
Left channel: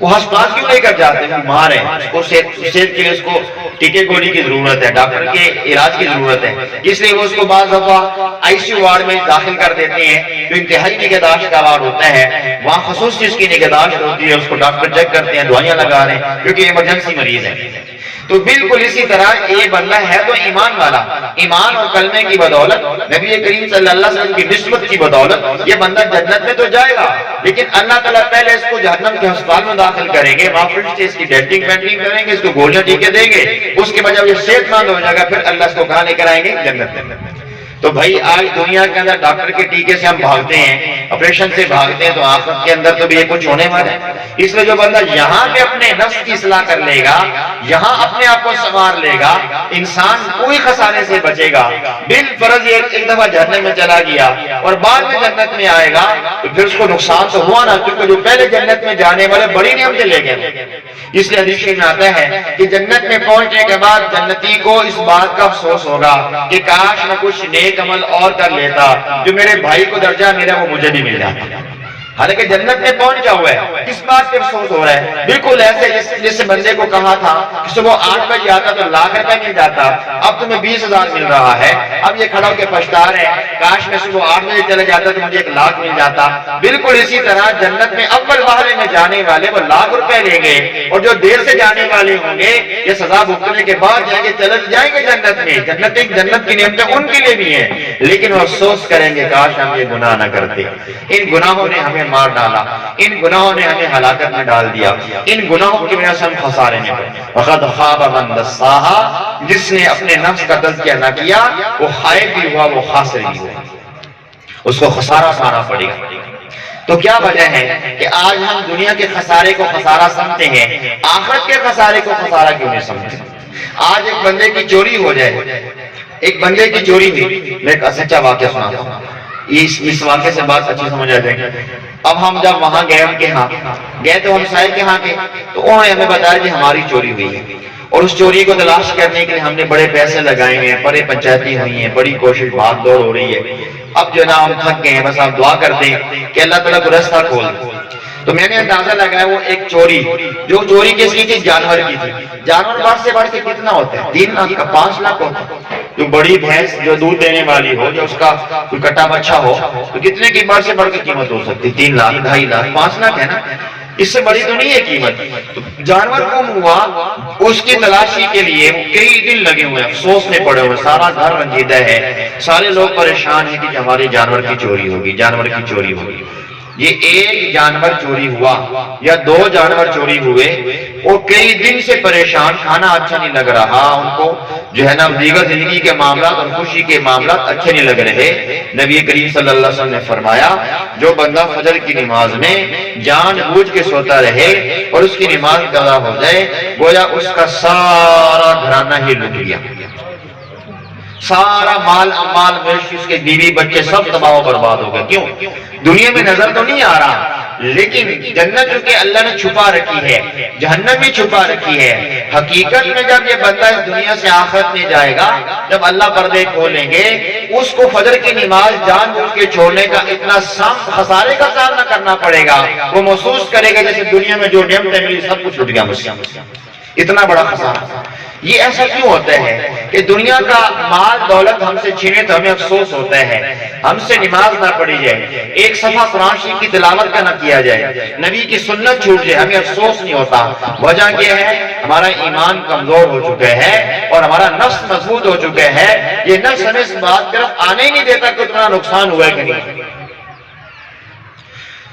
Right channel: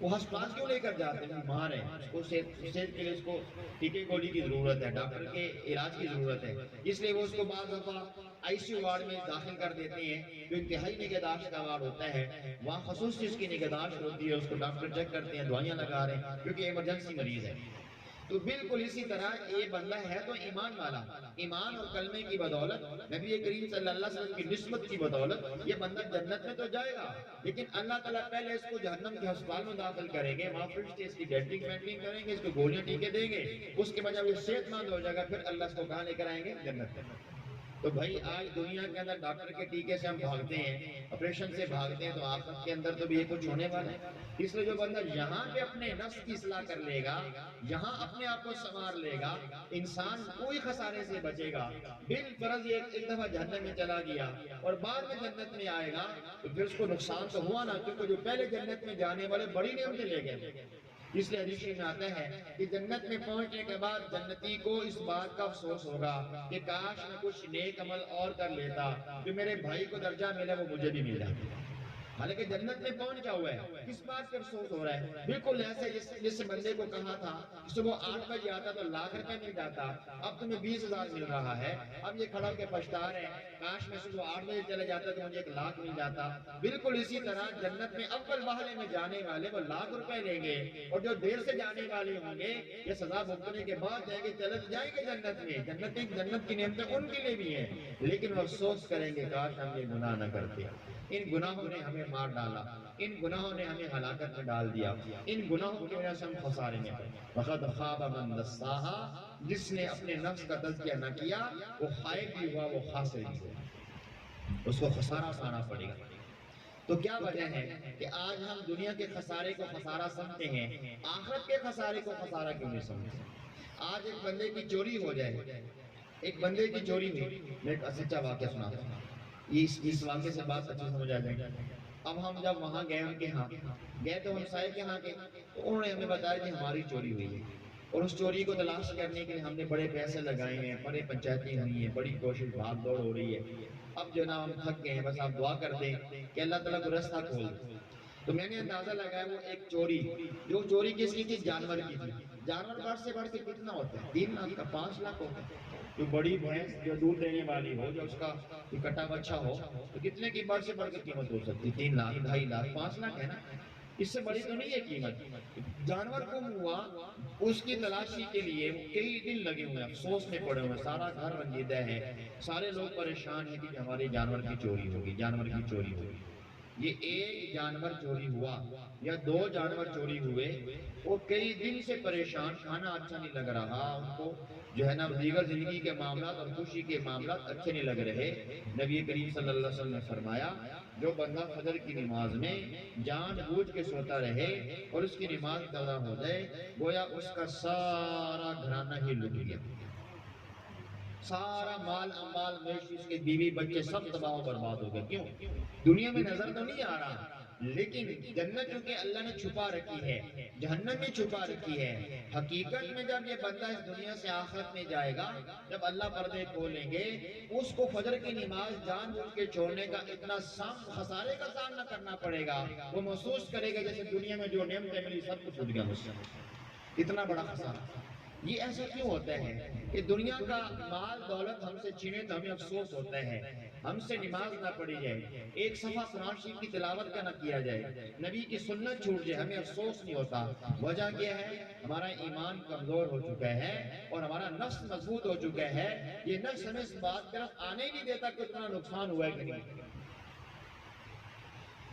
وہ ہسپتال کیوں لے کر جاتے ہیں؟ بیمار ہے، اس کو صحت کے لیے اس کو ٹیکے گولی کی ضرورت ہے، ڈاکٹر کے علاج کی ضرورت ہے، اس لیے وہ اس کو بعض دفعہ آئی سی یو وارڈ میں داخل کر دیتے ہیں، جو انتہائی نگہداشت کا وارڈ ہوتا ہے، وہاں خصوصی اس کی نگہداشت ہوتی ہے، اس کو ڈاکٹر چیک کرتے ہیں، دوائیاں لگا رہے ہیں کیونکہ ایمرجنسی مریض ہے۔ تو بالکل اسی طرح یہ بندہ ہے تو ایمان والا، ایمان اور کلمے کی بدولت، نبی کریم صلی اللہ علیہ وسلم کی نسبت کی بدولت یہ بندہ جنت میں تو جائے گا، لیکن اللہ تعالیٰ پہلے اس کو جہنم کے ہسپتال میں داخل کریں گے، وہاں فرشتے اس کی ڈینٹنگ پینٹنگ کریں گے، اس کو گولیاں ٹیکے دیں گے، اس کے بعد جب یہ صحت مند ہو جائے گا پھر اللہ اس کو کہاں لے کر آئیں گے؟ جنت میں۔ تو بھائی آج دنیا کے اندر ڈاکٹر کے ٹیکے سے ہم بھاگتے ہیں، آپریشن سے بھاگتے ہیں، تو آخرت کے اندر تو بھی یہ کچھ ہونے والا ہے۔ اس لیے جو بندہ یہاں پہ اپنے نفس کی اصلاح کر لے گا، یہاں اپنے آپ کو سنوار لے گا، انسان کوئی خسارے سے بچے گا۔ بالفرض ایک دفعہ جہنم میں چلا گیا اور بعد میں جنت میں آئے گا تو پھر اس کو نقصان تو ہوا نا، کیونکہ جو پہلے جنت میں جانے والے بڑی نعمتیں لے گئے۔ اس لیے حدیث میں آتا ہے کہ جنت میں پہنچنے کے بعد جنتی کو اس بات کا افسوس ہوگا کہ کاش میں کچھ نیک عمل اور کر لیتا، جو میرے بھائی کو درجہ ملا وہ مجھے بھی مل جاتا۔ حالانکہ جنت میں پہنچ گیا ہوا ہے، کس بات پہ افسوس ہو رہا ہے؟ بالکل ایسے جس بندے کو کہا تھا کہ صبح 8 بجے آتا تو لاکھ روپے مل جاتا، اب تمہیں 20,000 مل رہا ہے، اب یہ کھڑا ہو کے پچھتا رہے کاش میں صبح 8 بجے چلے جاتا تو مجھے 1,00,000 مل جاتا۔ بالکل اسی طرح جنت میں اول مرحلے میں جانے والے وہ لاکھ روپے لیں گے، اور جو دیر سے جانے والے ہوں گے یہ سزا بھگتنے کے بعد جائیں گے، چلے جائیں گے جنت میں۔ جنت کی نعمتیں ان کے لیے بھی ہیں، لیکن وہ افسوس کریں گے کاش ہم یہ گناہ نہ کرتے، ان گناہوں نے ہمیں مار ڈالا، ان گناہوں نے ہمیں ہلاکت میں ڈال دیا، ان گناہوں کی وجہ سے ہم خسارے میں پڑے۔ وَقَدْ خَابَ مَنْ دَسَّاهَا، جس نے اپنے نفس کا تزکیہ نہ کیا وہ خائب بھی ہوا، وہ خاسر بھی ہوا، اس کو خسارہ پانا پڑے گا۔ تو کیا وجہ ہے کہ آج ہم دنیا کے خسارے کو خسارہ سمجھتے ہیں، آخرت کے خسارے کو خسارہ کیوں نہیں سمجھتے؟ آج ایک بندے کی چوری ہو جائے، ایک بندے کی چوری ہوئی، میں ایک سچا واقعہ سناتا ہوں، اس واقعے سے بات اچھی سمجھ آ جائے گی۔ اب ہم جب وہاں گئے ان کے ہاں گئے تو ہم سائے کے ہاں گئے تو انہوں نے ہمیں بتایا کہ ہماری چوری ہوئی ہے، اور اس چوری کو تلاش کرنے کے لیے ہم نے بڑے پیسے لگائے ہیں، بڑے پنچایتی ہوئی ہیں، بڑی کوشش بھاگ دوڑ ہو رہی ہے۔ اب جو نا ہم تھک گئے ہیں، بس آپ دعا کر دیں کہ اللہ تعالیٰ کو رستہ کھول دے۔ تو میں نے اندازہ لگایا وہ ایک چوری، جو چوری کس کی تھی؟ جانور کی تھی۔ جانور بڑھ سے بڑھ کے کتنا ہوتا ہے؟ 3 لاکھ کا 5 لاکھ ہوتا ہے۔ جو بڑی بھینس جو دودھ دینے والی ہو، جو اس کا کوئی کٹا بچہ ہو تو کتنے کی بڑھ سے بڑھ کے قیمت ہو سکتی؟ 3 لاکھ، 2.5 لاکھ، 5 لاکھ ہے نا، اس سے بڑی تو نہیں ہے قیمت۔ جانور گم ہوا، اس کی تلاشی کے لیے کئی دن لگے ہوئے، افسوس میں پڑے ہوئے، سارا گھر رنجیدہ ہے، سارے لوگ پریشان ہیں کہ ہمارے جانور کی چوری ہوگی، جانور کی چوری ہوگی۔ یہ ایک جانور چوری ہوا یا 2 جانور چوری ہوئے، اور کئی دن سے پریشان، کھانا اچھا نہیں لگ رہا ان کو، جو ہے نا دیگر زندگی کے معاملات اور خوشی کے معاملات اچھے نہیں لگ رہے۔ نبی کریم صلی اللہ علیہ وسلم نے فرمایا جو بندہ فجر کی نماز میں جان بوجھ کے سوتا رہے اور اس کی نماز قضا ہو جائے، گویا اس کا سارا گھرانہ ہی لٹ گیا، سارا مال امال مویشی، اس کے بیوی بچے سب تباہ و برباد ہو گئے۔ کیوں؟ دنیا میں نظر تو نہیں آ رہا، لیکن جنت جو کہ اللہ نے چھپا رکھی ہے، جہنم بھی چھپا رکھی ہے۔ حقیقت میں جب یہ بندہ اس دنیا سے آخرت میں جائے گا، جب اللہ پردے کھولیں گے، اس کو فجر کی نماز جان بوجھ کے چھوڑنے کا اتنا خسارے کا سامنا کرنا پڑے گا، وہ محسوس کرے گا جیسے دنیا میں جو نعمتیں ملی سب کچھ چھوٹ گیا مجھ سے، اتنا بڑا خسارہ۔ یہ ایسا کیوں ہوتا ہے کہ دنیا کا مال دولت ہم سے چھینے تو ہمیں افسوس ہوتا ہے، ہم سے نماز نہ پڑھی جائے، ایک صفحہ قرآن شریف کی تلاوت کا نہ کیا جائے، نبی کی سنت چھوٹ جائے، ہمیں افسوس نہیں ہوتا۔ وجہ کیا ہے؟ ہمارا ایمان کمزور ہو چکا ہے اور ہمارا نفس مضبوط ہو چکا ہے، یہ نفس ہمیں اس بات کی طرف آنے ہی نہیں دیتا کہ اتنا نقصان ہوا ہے کہ نہیں۔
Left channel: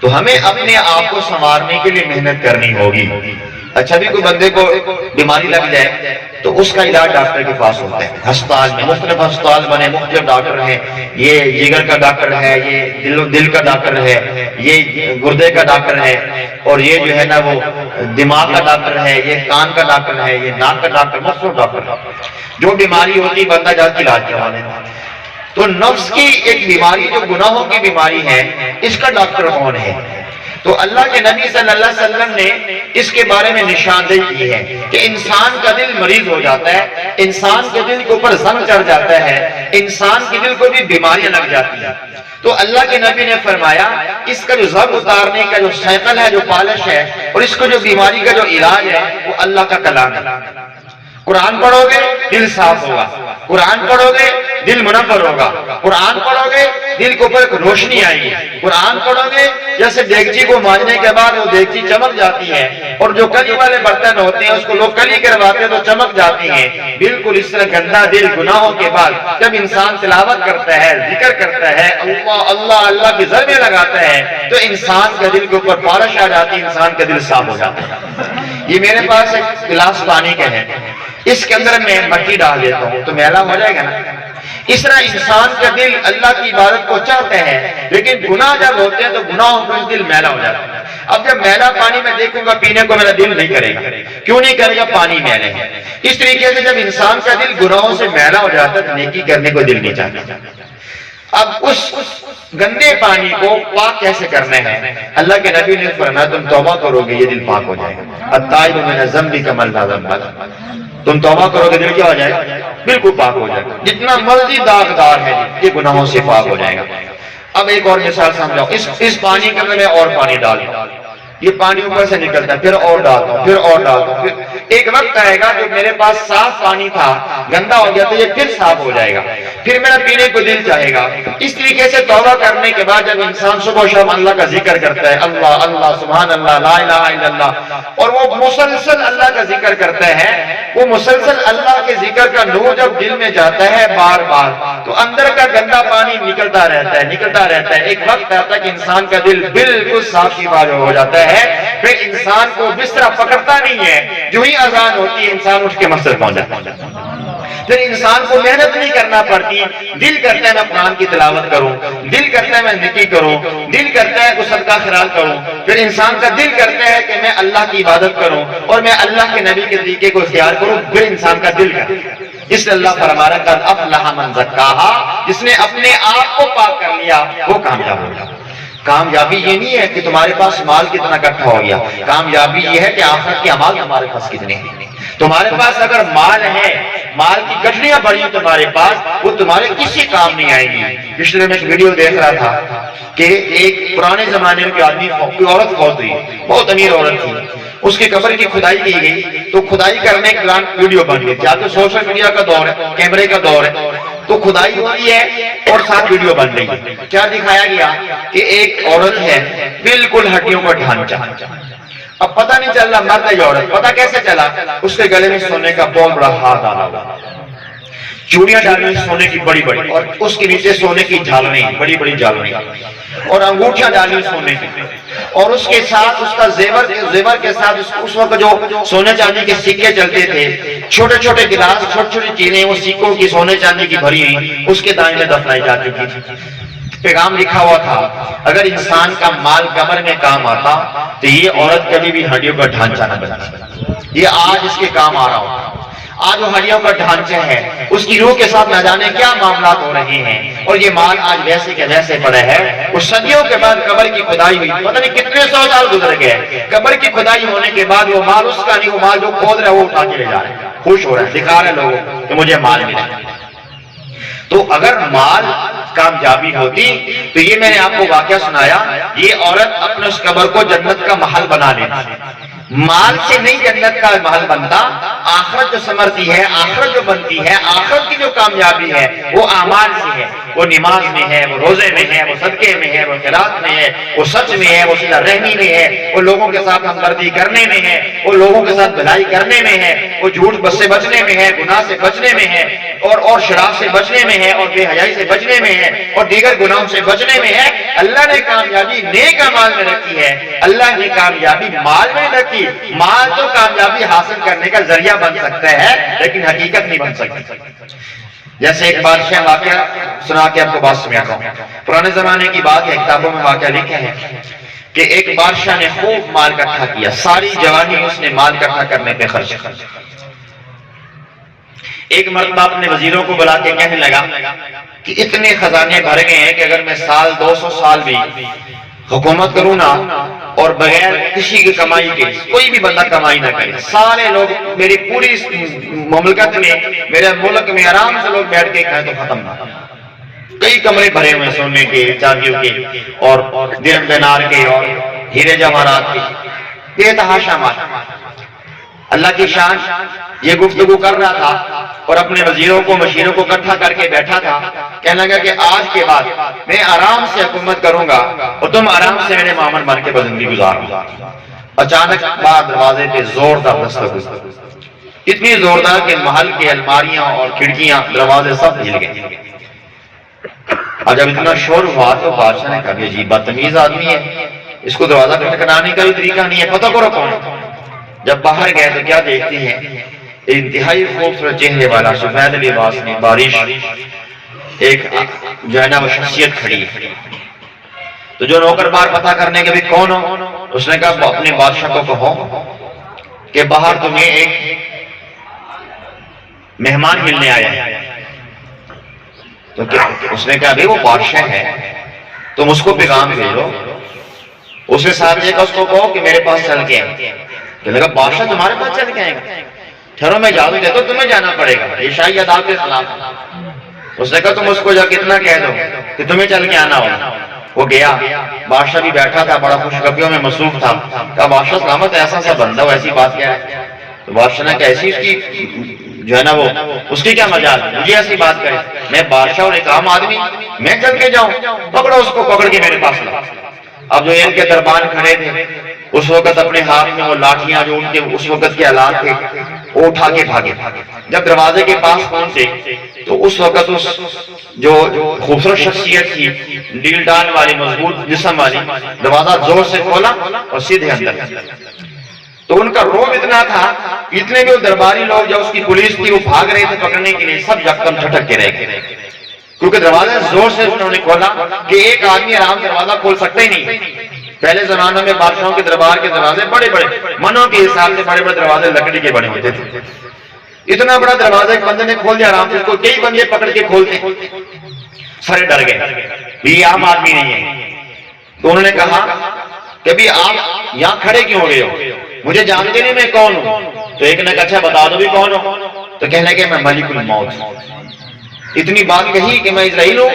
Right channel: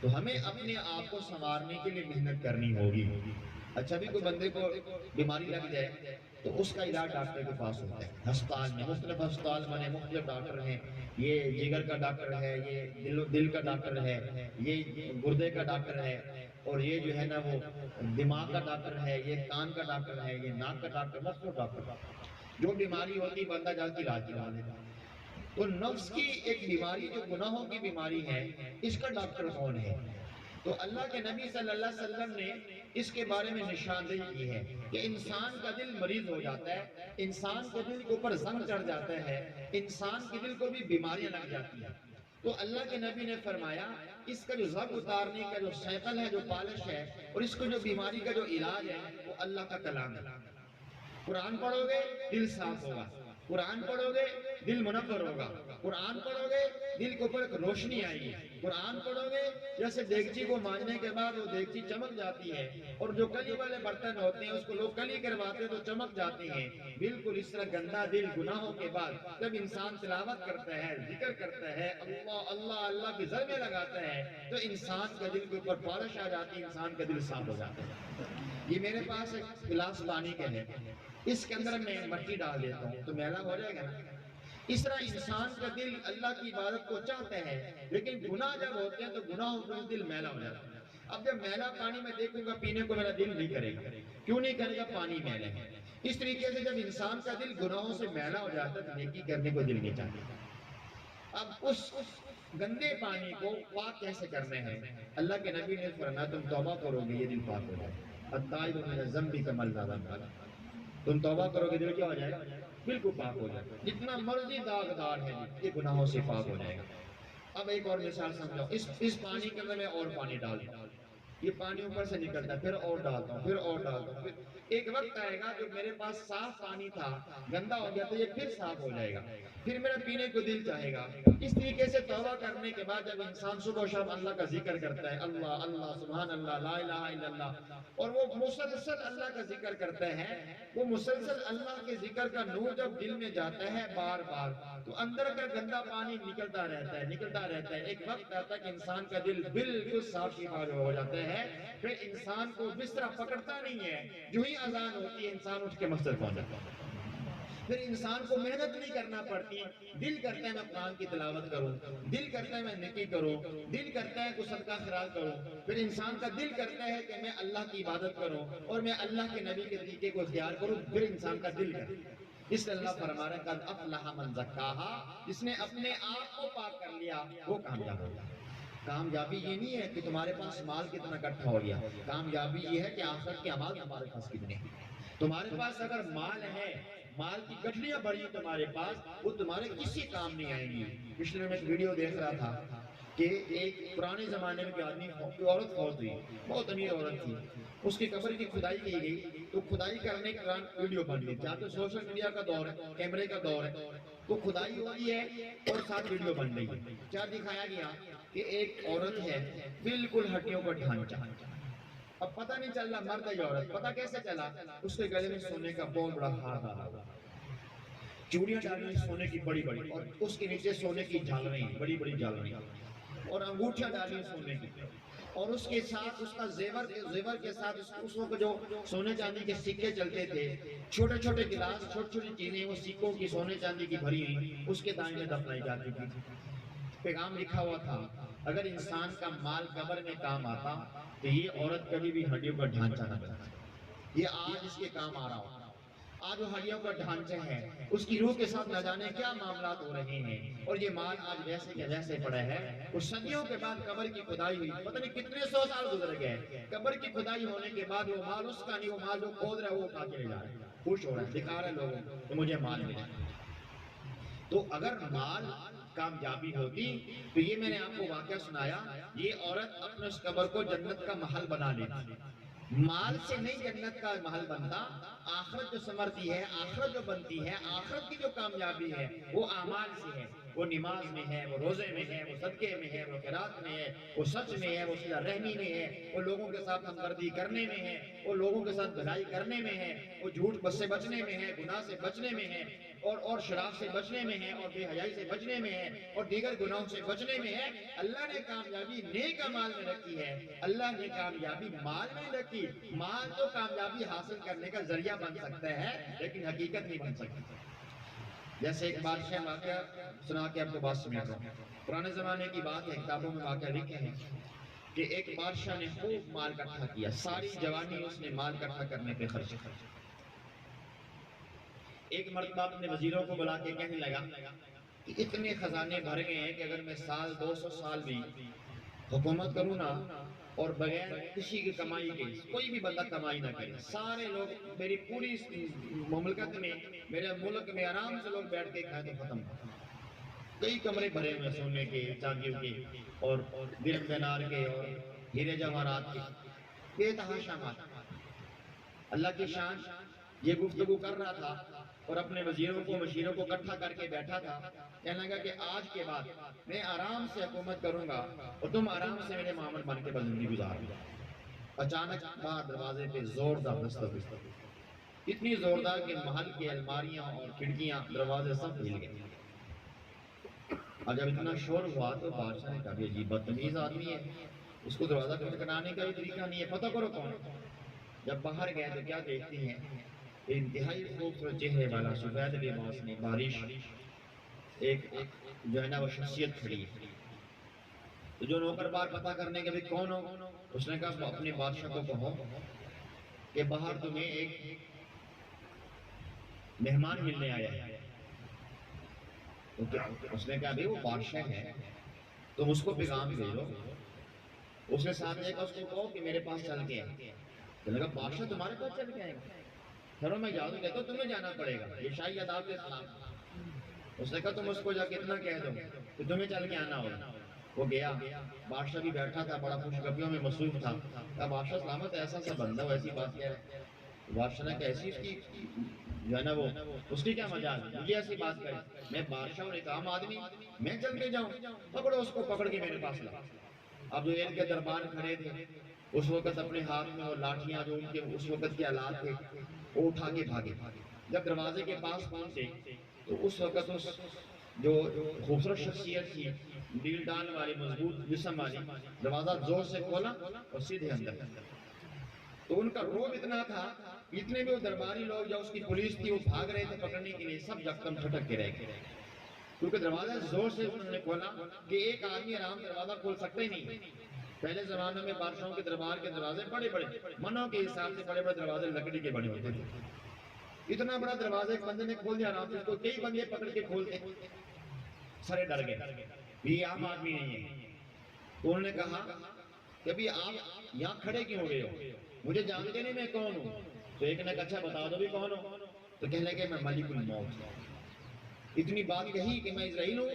تو ہمیں اپنے آپ کو سنوارنے کے لیے محنت کرنی ہوگی، اچھا بھی کوئی بندے کو بیماری لگ جائے تو اس کا علاج ڈاکٹر کے پاس ہوتا ہے، ہسپتال میں مختلف ہسپتال بنے، مختلف ڈاکٹر ہیں، یہ جگر کا ڈاکٹر ہے، یہ دل کا ڈاکٹر ہے، یہ گردے کا ڈاکٹر ہے، اور یہ جو ہے نا وہ دماغ کا ڈاکٹر ہے، یہ کان کا ڈاکٹر ہے، یہ ناک کا ڈاکٹر، مختلف ڈاکٹر، جو بیماری ہوتی بندہ جا کے علاج کروا لیتا۔ تو نفس کی ایک بیماری جو گناہوں کی بیماری ہے، اس کا ڈاکٹر کون ہے؟ تو اللہ کے نبی صلی اللہ علیہ وسلم نے اس کے بارے میں نشاندہی کی ہے کہ انسان کا دل مریض ہو جاتا ہے، انسان کے دل کے اوپر زنگ چڑھ جاتا ہے، انسان کے دل کو بھی بیماریاں لگ جاتی ہیں۔ تو اللہ کے نبی نے فرمایا اس کا جو زنگ اتارنے کا جو سائیکل ہے، جو پالش ہے، اور اس کو جو بیماری کا جو علاج ہے، وہ اللہ کا کلام ہے۔ قرآن پڑھو گے دل صاف ہوگا، قرآن پڑھو گے دل منور ہوگا، قرآن پڑھو گے دل کے اوپر روشنی آئے گی، قرآن پڑھو گے جیسے دیگچی کو مانجنے کے بعد وہ دیگچی چمک جاتی ہے، اور جو کلی والے برتن ہوتے ہیں اس کو لوگ کلی کرواتے ہیں تو چمک جاتی ہیں، بالکل اس طرح گندا دل گناہوں کے بعد جب انسان تلاوت کرتا ہے، ذکر کرتا ہے، اللہ اللہ اللہ کی ضربیں لگاتا ہے، تو انسان کا دل کے اوپر پالش آ جاتی ہے، انسان کا دل صاف ہو جاتا ہے۔ یہ میرے پاس ایک گلاس پانی کا ہے، اس کے اندر میں مٹی ڈال دیتا ہوں تو میلا ہو جائے گا نا۔ اس طرح انسان کا دل اللہ کی عبادت کو چاہتے ہیں، لیکن گناہ جب ہوتے ہیں تو گناہوں کا دل میلا ہو جاتا ہے۔ اب جب میلا پانی میں دیکھوں گا پینے کو میرا دل نہیں کرے گا، کیوں نہیں کرے گا؟ پانی میلے ہے۔ اس طریقے سے جب انسان کا دل گناہوں سے میلا ہو جاتا ہے تو نیکی کرنے کو دل نہیں چاہتا۔ اب اس گندے پانی کو پاک کیسے کرنا ہے؟ اللہ کے نبی نے فرمایا تم توبہ کرو گے یہ دل پاک ہو جائے گا۔ التائب من الذنب کمن لا ذنب لہ، تم توبہ کرو گے دل کیا ہو جائے گا؟ بالکل پاک ہو جائے گا، جتنا مرضی داغدار ہے یہ گناہوں سے پاک ہو جائے گا۔ اب ایک اور مثال سمجھاؤ، اس پانی کے اندر میں اور پانی ڈال دوں، یہ پانی اوپر سے نکلتا ہے، پھر اور ڈالتا ہوں، پھر اور ڈالتا ہوں، پھر ایک وقت آئے گا جو میرے پاس صاف پانی تھا گندا ہو گیا تو یہ پھر صاف ہو جائے گا، پھر میرا پینے کو دل چاہے گا۔ اس طریقے سے توبہ کرنے کے بعد جب انسان صبح و شام اللہ کا ذکر کرتا ہے، اللہ اللہ سبحان اللہ لا الہ الا اللہ، اور وہ مسلسل اللہ کا ذکر کرتا ہے، وہ مسلسل اللہ کے ذکر کا نور جب دل میں جاتا ہے بار بار تو اندر کا گندا پانی نکلتا رہتا ہے، نکلتا رہتا ہے۔ ایک وقت آتا ہے کہ انسان کا دل بالکل صاف شفا ہو جاتا ہے، پھر انسان کو بستر پکڑتا نہیں ہے، جو ہی اذان ہوتی ہے انسان اٹھ کے مسجد پہنچ جاتا ہے، پھر انسان کو محنت نہیں کرنا پڑتی، دل کرتا ہے میں قرآن کی تلاوت کروں، دل کرتا ہے میں ذکر کروں، دل کرتا ہے کہ صدقہ خیرات کروں، پھر انسان کا دل کرتا ہے کہ میں اللہ کی عبادت کروں اور میں اللہ کے نبی کے طریقے کو اختیار کروں، پھر انسان کا دل کرتا ہے۔ اس لیے اللہ فرما رہا ہے قد افلح من زکاہا، جس نے اپنے آپ کو پاک کر لیا وہ کامیاب ہوگا۔ کامیابی یہ نہیں ہے کہ تمہارے پاس مال کتنا اکٹھا ہو گیا، کامیابی یہ ہے کہ آخرت کے اعمال تمہارے پاس کتنے ہیں۔ تمہارے پاس اگر مال ہے، مال کی گٹھڑیاں بڑی تمہارے پاس، وہ تمہارے کسی کام نہیں آئے گی۔ پچھلے میں ایک ویڈیو دیکھ رہا تھا کہ ایک پرانے زمانے میں کوئی عورت فوت ہوئی، بہت امیر عورت تھی، اس کی قبر کی کھدائی کی گئی تو کھدائی کرنے کے دوران ویڈیو بن گئی تھی۔ آج تو سوشل میڈیا کا دور ہے، کیمرے کا دور ہے، تو کھدائی ہوئی ہے اور ساتھ ویڈیو بن رہی ہے۔ کیا دکھایا گیا کہ ایک عورت ہے بالکل ہڈیوں کا ڈھانچہ، اب پتہ نہیں چل رہا مرد ہے یا عورت، پتہ کیسے چلا؟ اس کے گلے میں سونے کا بہت بڑا ہار ڈالا ہوا، چوڑیاں ڈالی ہوئی سونے کی بڑی بڑی، اور اس کے نیچے سونے کی جھالریں، بڑی بڑی جھالریں، اور انگوٹھیاں ڈالی ہوئی سونے کی، اور اس کے ساتھ اس کا زیور کے ساتھ اس وقت جو سونے چاندی کے سکے چلتے تھے، چھوٹے چھوٹے گلاس، چھوٹی چھوٹی چیزیں وہ سکوں کی سونے چاندی کی بھری ہوئی اس کے دائیں میں دفنائی جا چکی تھی۔ پیغام لکھا ہوا تھا اگر انسان کا مال قبر میں کام آتا تو یہ عورت کبھی بھی ہڈیوں کا ڈھانچہ نہ بنتی، یہ آج اس کے کام آ رہا ہوتا۔ آج وہ ہڈیوں کا ڈھانچہ ہے، اس کی روح کے ساتھ نہ جانے کیا معاملات ہو رہے ہیں، اور یہ مال آج ویسے کے ویسے پڑے ہے۔ وہ صدیوں کے بعد قبر کی کھدائی ہوئی، پتہ نہیں کتنے سو سال گزر گئے، قبر کی کھدائی ہونے کے بعد وہ مال اس کا نہیں، وہ مال جو کھود رہا ہے وہ اٹھا کے لے جا رہے ہیں، خوش ہو رہے ہیں، دکھا رہے لوگوں کہ مجھے مال ملا۔ تو اگر مال کامیابی ہوتی تو یہ میں نے آپ کو واقعہ سنایا، یہ عورت اپنے اس قبر کو جنت کا محل بنا لیتی۔ مال سے نہیں جنت کا محل بنتا، آخرت جو سمرتی ہے، آخرت جو بنتی ہے، آخرت کی جو کامیابی ہے وہ اعمال سے ہے، وہ نماز میں ہے، وہ روزے میں ہے، وہ صدقے میں ہے، وہ خیرات میں ہے، وہ سچ میں ہے، وہ صلہ رحمی میں ہے، وہ لوگوں کے ساتھ ہمدردی کرنے میں ہے، وہ لوگوں کے ساتھ بھلائی کرنے میں ہے، وہ جھوٹ سے بچنے میں ہے، گناہ سے بچنے میں ہے، اور شراب سے بچنے میں ہے، اور بے حیائی سے بچنے میں ہے، اور دیگر گناہوں سے بچنے میں ہے۔ اللہ نے کامیابی نیک اعمال میں رکھی ہے، اللہ نے کامیابی مال میں رکھی کی مال تو کامیابی حاصل کرنے کا ذریعہ بن سکتا ہے لیکن حقیقت نہیں بن سکتی. جیسے ایک بادشاہ واقعہ سنا کے آپ کو بات سمجھاتا ہوں. پرانے زمانے کی بات ہے, کتابوں میں واقعہ لکھا ہے کہ ایک بادشاہ نے خوب مال اکٹھا کیا, ساری جوانی اس نے مال اکٹھا کرنے پہ خرچ کیا. ایک مرتبہ اپنے وزیروں کو بلا کے کہنے لگا کہ اتنے خزانے بھر گئے ہیں کہ اگر میں سال 200 سال بھی حکومت کروں نا اور بغیر کسی کی کمائی کے, کوئی بھی بندہ کمائی نہ کرے, سارے لوگ میری پوری مملکت میں, میرے ملک میں آرام سے لوگ بیٹھ کے کھائیں تو ختم نہ. کئی کمرے بھرے ہوئے سونے کے, چاندیوں کے اور درہم دینار کے اور ہیرے جواہرات کے, بے تحاشا مال. اللہ کی شان یہ گفتگو کر رہا تھا اور اپنے وزیروں کو مشیروں کو اکٹھا کر کے بیٹھا تھا. کہنے لگا کہ آج کے بعد میں آرام سے حکومت کروں گا اور تم آرام سے میرے مامن بن کے زندگی گزارو. اچانک بعد دروازے پہ زوردار دستک ہوئی, اتنی زوردار کہ محل کے الماریاں اور کھڑکیاں دروازے سب ہل گئے. اور جب اتنا شور ہوا تو بادشاہ نے کہا کہ عجیب بدتمیز آدمی ہے, اس کو دروازہ کھٹکھٹانے کا بھی طریقہ نہیں ہے, پتہ کرو کون. جب باہر گئے تو کیا دیکھتے ہیں, انتہائی خوبصورت چہرے والا سفید لباس میں بارش ایک جو ہے نا وہ شخصیت کھڑی ہے. تو جو نوکر بار پتہ کرنے کے بھی کون ہو, اس نے کہا اپنے بادشاہ کو کہو کہ باہر تمہیں ایک مہمان ملنے آیا ہے. تو اس نے کہا وہ بادشاہ ہے, تم اس کو پیغام بھیجو. اس نے ساتھ یہ کہا اس کو کہو کہ میرے پاس چل کے آئے. کہنے لگا بادشاہ تمہارے پاس چل کے آئے گا, ٹھہرو میں اجازت دیتا ہوں, تمہیں جانا پڑے گا, یہ شاہی عدالت کے خلاف ہے. اس نے کہا تم اس کو جا کے اتنا کہہ دو کہ تمہیں چل کے آنا ہوگا. وہ گیا, بادشاہ بھی بیٹھا تھا, بڑا خوش خبریوں میں مصروف تھا. کہا بادشاہ سلامت, ایسا سا بندہ ہو, ایسی بات کیا ہے؟ تو بادشاہ نے کہا ایسی اس کی جو ہے نا وہ اس کی کیا مجال, مجھے ایسی بات کرے, میں بادشاہ اور ایک عام آدمی, میں چل کے جاؤں؟ پکڑو اس کو, پکڑ کے میرے پاس لاؤ. اب جو ان کے دربان کھڑے تھے اس وقت اپنے ہاتھ میں وہ لاٹھیاں جو ان کے اس وقت کے آلات تھے وہ اٹھا کے بھاگے. جب دروازے کے پاس پہنچے تو اس وقت اس جو خوبصورت شخصیت تھی, ڈیل ڈال والی, مضبوط جسم والی, دروازہ زور سے کھولا اور سیدھے اندر. تو ان کا روب اتنا تھا, اتنے بھی وہ درباری لوگ جو اس کی پولیس تھی وہ بھاگ رہے تھے پکڑنے کے لیے, سب یکدم جھٹک کے رہ گئے, کیونکہ دروازہ زور سے انہوں نے کھولا کہ ایک آدمی آرام دروازہ کھول سکتا ہی نہیں. پہلے زمانوں میں بادشاہوں کے دربار کے دروازے بڑے بڑے منوں کے حساب سے بڑے بڑے دروازے لکڑی کے بنے ہوتے تھے. اتنا بڑا دروازہ ایک بندے نے کھول دیا آرام سے, اس کو کئی بندے پکڑ کے کھولتے, سارے ڈر گئے, یہ عام آدمی نہیں ہے. تو انہوں نے کہا کہ بھی آپ یہاں کھڑے کیوں ہو گئے ہو, مجھے جانتے نہیں میں کون ہوں؟ تو ایک نے کہا اچھا بتا دو بھی کون ہو. تو کہنے لگے میں ملک الموت. اتنی بات کہی کہ میں اسرائیل ہوں.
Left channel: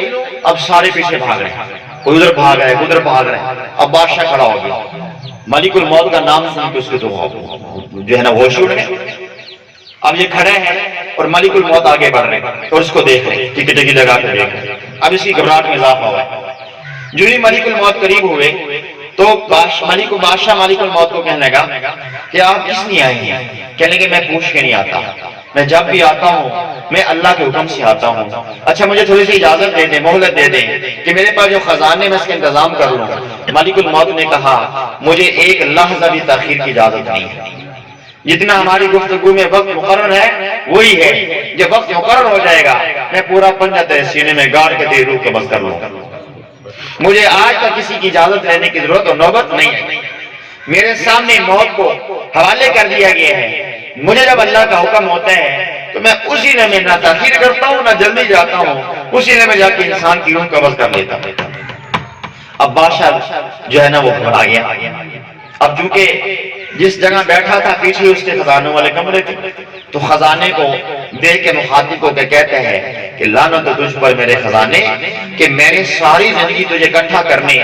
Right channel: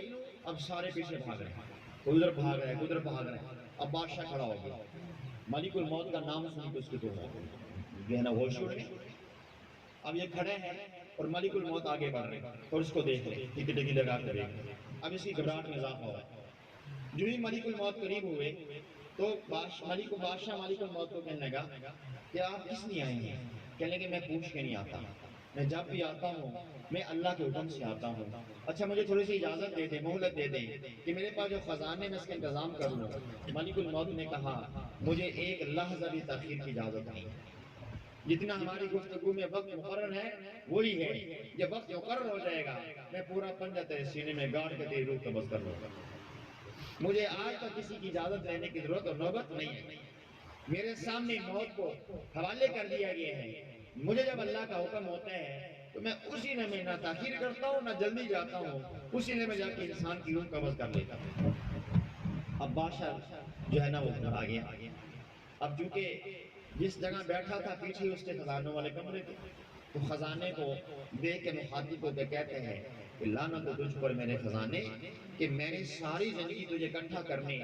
اب سارے پیچھے بھاگ رہے ہیں, کوئی ادھر بھاگ رہا ہے, ادھر بھاگ رہے ہیں. اب بادشاہ کھڑا ہو گیا, ملک الموت کا نام سن کے اس کے تو جو ہے نا ہوش اڑ گئے. اب یہ کھڑے ہیں اور ملک الموت آگے بڑھ رہے ہیں اور اس کو دیکھ رہے ہیں, ٹکی ٹکی لگا کے دیکھ رہے ہیں. اب اس کی گھبراہٹ میں اضافہ ہوا. جو ہی ملک الموت قریب ہوئے تو بادشاہ ملک الموت کو کہنے لگا کہ آپ کس لیے آئے ہیں؟ کہنے لگے میں پوچھ کے نہیں آتا, میں جب بھی آتا ہوں میں اللہ کے حکم سے آتا ہوں. اچھا مجھے تھوڑی سی اجازت دے دیں, مہلت دے دیں کہ میرے پاس جو خزانے میں اس کا انتظام کر لوں. ملک الموت نے کہا مجھے ایک لحظہ بھی تاخیر کی اجازت نہیں ہے. جتنا ہماری گفتگو میں وقت مقرر ہے وہی ہے, جب وقت مقرر ہو جائے گا میں پورا پنجہ تیرے سینے میں گاڑ کے تیری روح قبض کر لوں. مجھے آج تک کسی کی اجازت لینے کی ضرورت اور نوبت نہیں ہے. میرے سامنے موت کو حوالے کر دیا گیا ہے. مجھے جب اللہ کا حکم ہوتا ہے تو میں اسی نے میں نہ تاخیر کرتا ہوں نہ جلدی جاتا ہوں, اسی نے میں جا کے انسان کی روح قبض کر لیتا ہوں. اب بادشاہ جو ہے نا وہ گھبرا گیا. اب چونکہ جس جگہ بیٹھا تھا پیچھے اس کے خزانوں والے کمرے تھے, تو خزانے کو دیکھ کے مخاطب کو کہتے ہیں کہ لعنت تجھ پر میرے خزانے کہ میں نے ساری زندگی تجھے اکٹھا کرنے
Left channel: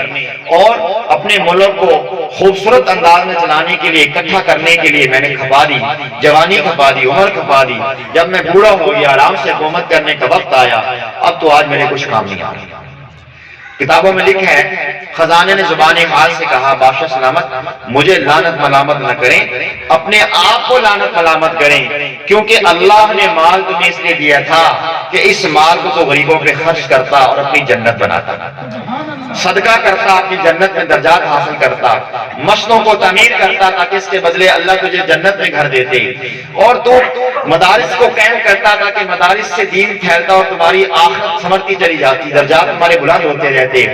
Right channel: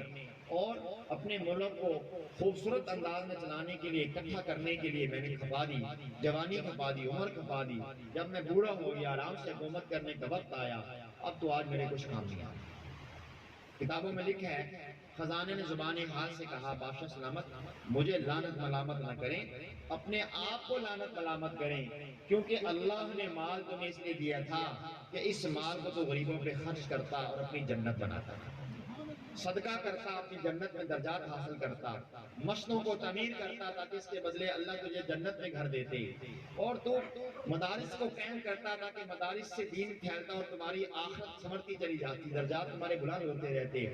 اور اپنے ملک کو خوبصورت انداز میں چلانے کے لیے اکٹھا کرنے کے لیے میں نے کھپا دی, جوانی کھپا دی, عمر کھپا دی. جب میں بوڑھا ہو گیا, آرام سے حکومت کرنے کا وقت آیا, اب تو آج میرے کچھ کام نہیں آ رہا. کتابوں میں لکھا ہے خزانے نے زبان حال سے کہا بادشاہ سلامت مجھے لعنت ملامت نہ کریں, اپنے آپ کو لعنت ملامت کریں, کیونکہ اللہ نے مال تمہیں اس لیے دیا تھا کہ اس مال کو تو غریبوں پہ خرچ کرتا اور اپنی جنت بناتا. صدقہ کرتا، اپنی جنت میں درجات حاصل کرتا، مسجدوں کو تعمیر کرتا تاکہ اس کے بدلے اللہ تجھے جنت میں گھر دیتے، اور تو مدارس کو قائم کرتا تاکہ مدارس سے دین پھیلتا اور تمہاری آخرت سمرتی چلی جاتی، درجات تمہارے بلند ہوتے رہتے،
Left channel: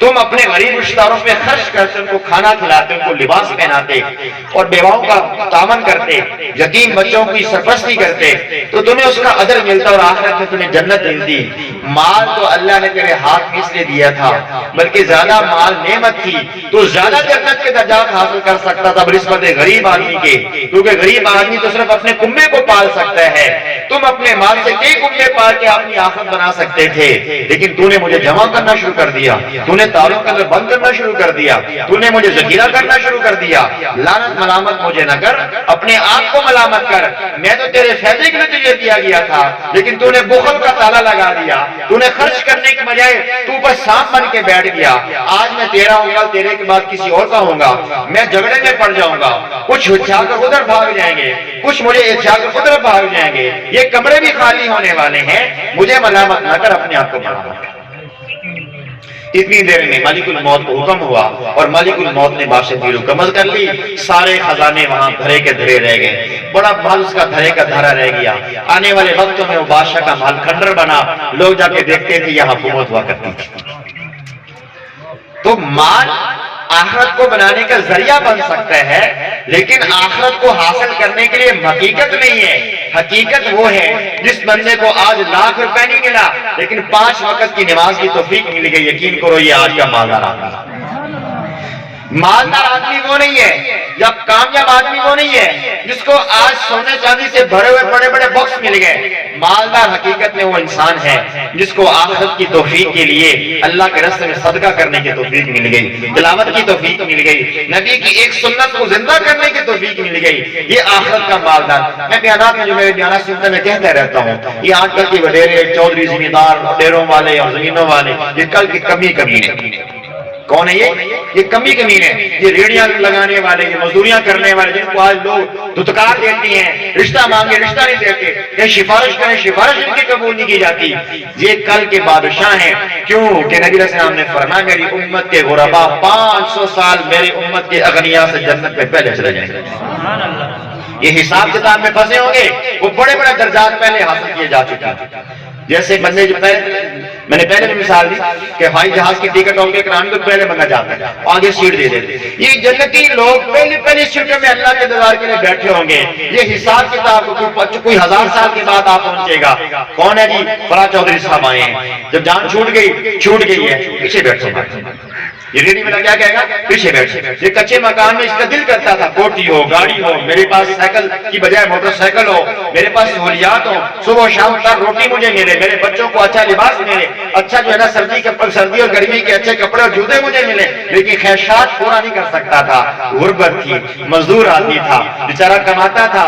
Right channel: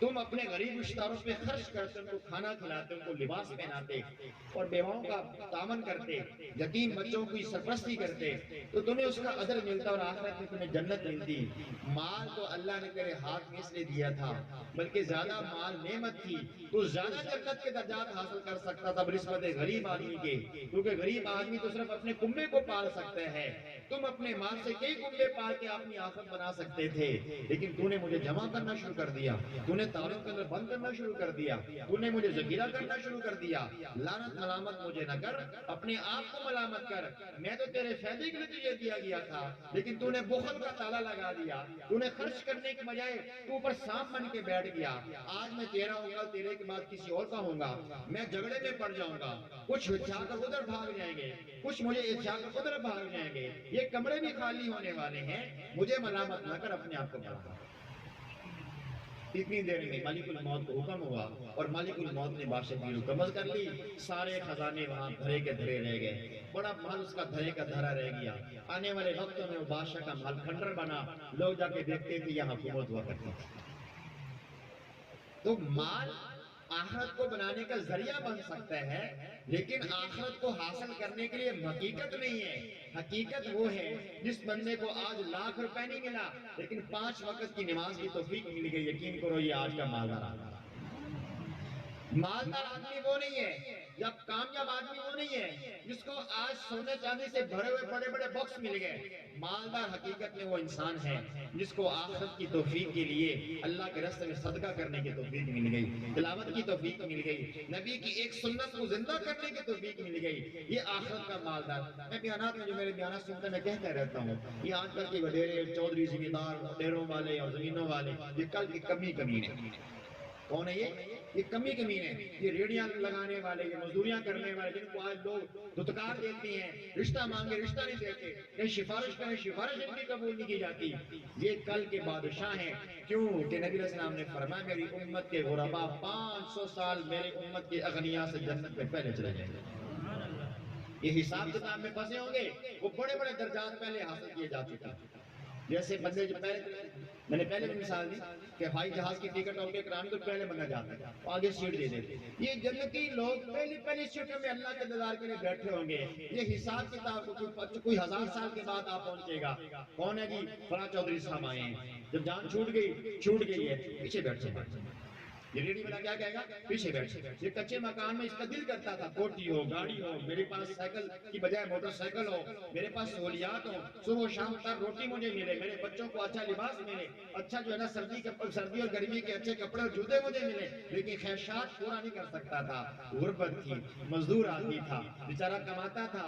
تم اپنے غریب رشتہ داروں پہ خرچ کرتے، ان کو کھانا کھلاتے، ان کو لباس پہناتے اور بیواؤں کا تعاون کرتے، یتیم بچوں کی سرپرستی کرتے، تو تمہیں اس کا اجر ملتا اور آخرت میں تمہیں جنت ملتی۔ مال تو اللہ نے تیرے ہاتھ میں اس لیے دیا تھا، بلکہ زیادہ مال نعمت تھی تو زیادہ جنت کے درجات حاصل کر سکتا تھا بنسبت غریب آدمی کے، کیونکہ غریب آدمی تو صرف اپنے کنبے کو پال سکتا ہے، تم اپنے مال سے کئی کنبے پال کے اپنی آخرت بنا سکتے تھے، لیکن تو نے مجھے جمع کرنا شروع کر دیا، تو نے تالوں کے اندر بند کرنا شروع کر دیا، تو نے مجھے ذخیرہ کرنا شروع کر دیا۔ لعنت ملامت مجھے نہ کر، اپنے آپ کو ملامت کر، میں تو تیرے فائدے کے لیے تجھے دیا گیا تھا، لیکن تو نے بخل کا تالا لگا دیا، تو نے خرچ کرنے کے بجائے تو بس سانپ بن کے بیٹھ گیا۔ آج میں تیرا ہوں گا، تیرے کے بعد کسی اور کا ہوں گا، میں جھگڑے میں پڑ جاؤں گا، کچھ اچھا کر ادھر بھاگ جائیں گے، کچھ مجھے اچھا کر ادھر بھاگ جائیں گے، یہ کمرے بھی خالی ہونے والے ہیں، مجھے ملامت نہ کر، اپنے آپ کو ملامت کر۔ اتنی دیر میں ملک الموت کو حکم ہوا اور ملک الموت نے بادشاہ کو قبض کر لی، سارے خزانے وہاں دھرے کے دھرے رہ گئے، بڑا مال اس کا دھرے کا دھرا رہ گیا۔ آنے والے وقتوں میں وہ بادشاہ کا مال کھنڈر بنا، لوگ جا کے دیکھتے تھے یہاں حکومت ہوا کرتی تھی۔ تو مال آخرت کو بنانے کا ذریعہ بن سکتا ہے، لیکن آخرت کو حاصل کرنے کے لیے حقیقت نہیں ہے۔ حقیقت وہ ہے جس بندے کو آج لاکھ روپے نہیں ملا لیکن 5 وقت کی نماز کی توفیق مل گئی، یقین کرو یہ آج کا مالدار آدمی۔ مالدار آدمی وہ نہیں ہے، یا کامیاب آدمی وہ نہیں ہے جس کو آج سونے چاندی سے بھرے ہوئے بڑے بڑے باکس مل گئے۔ مالدار حقیقت میں وہ انسان ہے جس کو آخرت کی توفیق کے لیے اللہ کے راستے میں صدقہ کرنے کی توفیق مل گئی، تلاوت کی توفیق مل گئی، نبی کی ایک سنت کو زندہ کرنے کی توفیق مل گئی، یہ آخرت کا مالدار۔ میں بیانات میں جو میرے بیانات سنتے میں کہتا رہتا ہوں، یہ آج کل کی وڈیرے چودھری زمیندار ڈیروں والے اور زمینوں والے، یہ کل کی کمی ہے۔ کون ہے یہ کمی ہے، یہ ریڑیاں لگانے والے، یہ مزدوریاں کرنے والے، جن کو آج لوگ دھتکار دیتی ہیں، رشتہ مانگے رشتہ نہیں دیتے، یہ سفارش کریں سفارش ان کی قبول نہیں کی جاتی، یہ کل کے بادشاہ ہیں۔ کیوں کہ نبی علیہ السلام نے فرمایا میری امت کے غربا 500 سال میری امت کے اغنیاء سے جنت میں پہلے چلے جائیں گے۔ یہ حساب کتاب میں پھنسے ہوں گے، وہ بڑے بڑے درجات پہلے حاصل کیے جا چکے ہیں۔ جیسے بندے جو میں نے پہلے بھی مثال دی کہ ہوائی جہاز کی ٹکٹ ہوگی کرانے تو پہلے بندہ جاتا ہے، آگے سیٹ دے دیتے، یہ جنتی لوگ پہلی سیٹوں میں اللہ کے انتظار کے لیے بیٹھے ہوں گے۔ یہ حساب کتاب کوئی 1000 سال کے بعد آپ پہنچے گا، کون ہے جی؟ فلاں چودھری صاحب آئے ہیں، جب جان چھوٹ گئی ہے پیچھے بیٹھو۔ یہ ریڈی والا کیا کہے گا؟ پیچھے بیٹھ۔ یہ کچے مکان میں اس کا دل کرتا تھا کوٹی ہو، گاڑی ہو، میرے پاس سائیکل کی بجائے موٹر سائیکل ہو، میرے پاس سہولیات ہو، صبح و شام تک روٹی مجھے ملے، میرے بچوں کو اچھا لباس ملے، اچھا جو ہے نا سردی اور گرمی کے اچھے کپڑے اور جوتے مجھے ملے، لیکن خواہشات پورا نہیں کر سکتا تھا۔ غربت تھی، مزدور آدمی تھا، بیچارہ کماتا تھا،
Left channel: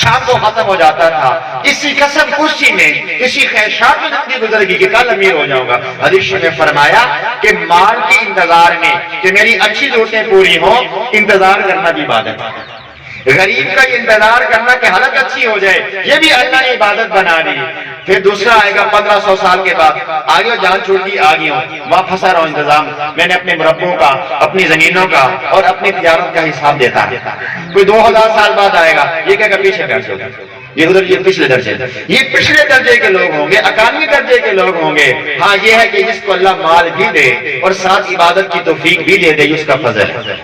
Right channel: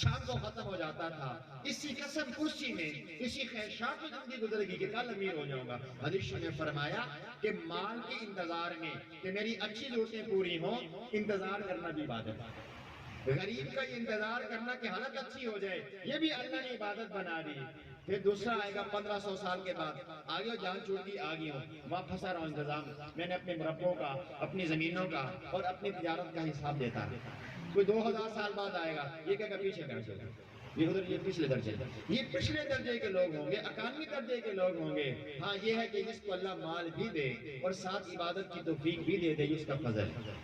شام کو ختم ہو جاتا تھا، اسی قسم خوشی میں اسی خواہشات میں زندگی گزر گئی کہ کل امیر ہو جاؤں گا۔ حدیث میں فرمایا کہ مال کی انتظار میں کہ میری اچھی ضرورتیں پوری ہوں، انتظار کرنا بھی عبادت ہے۔ غریب کا انتظار کرنا کہ حالت اچھی ہو جائے، یہ بھی اللہ نے عبادت بنا دی۔ پھر دوسرا آئے گا 1500 سال کے بعد، آگے ہو جان چھوڑ دی، آگے ہوں وہاں پھنسا رہا ہوں، انتظام میں نے اپنے مربوں کا، اپنی زمینوں کا اور اپنی تجارت کا حساب دیتا ہے۔ کوئی 2000 سال بعد آئے گا، یہ کہے گا پیچھے بیٹھ جاؤ، یہ ادھر یہ پچھلے درجے، یہ پچھلے درجے کے لوگ ہوں گے، 91 درجے کے لوگ ہوں گے۔ ہاں یہ ہے کہ جس کو اللہ مال بھی دے اور ساتھ عبادت کی توفیق بھی دے دے، یہ اس کا فضل ہے،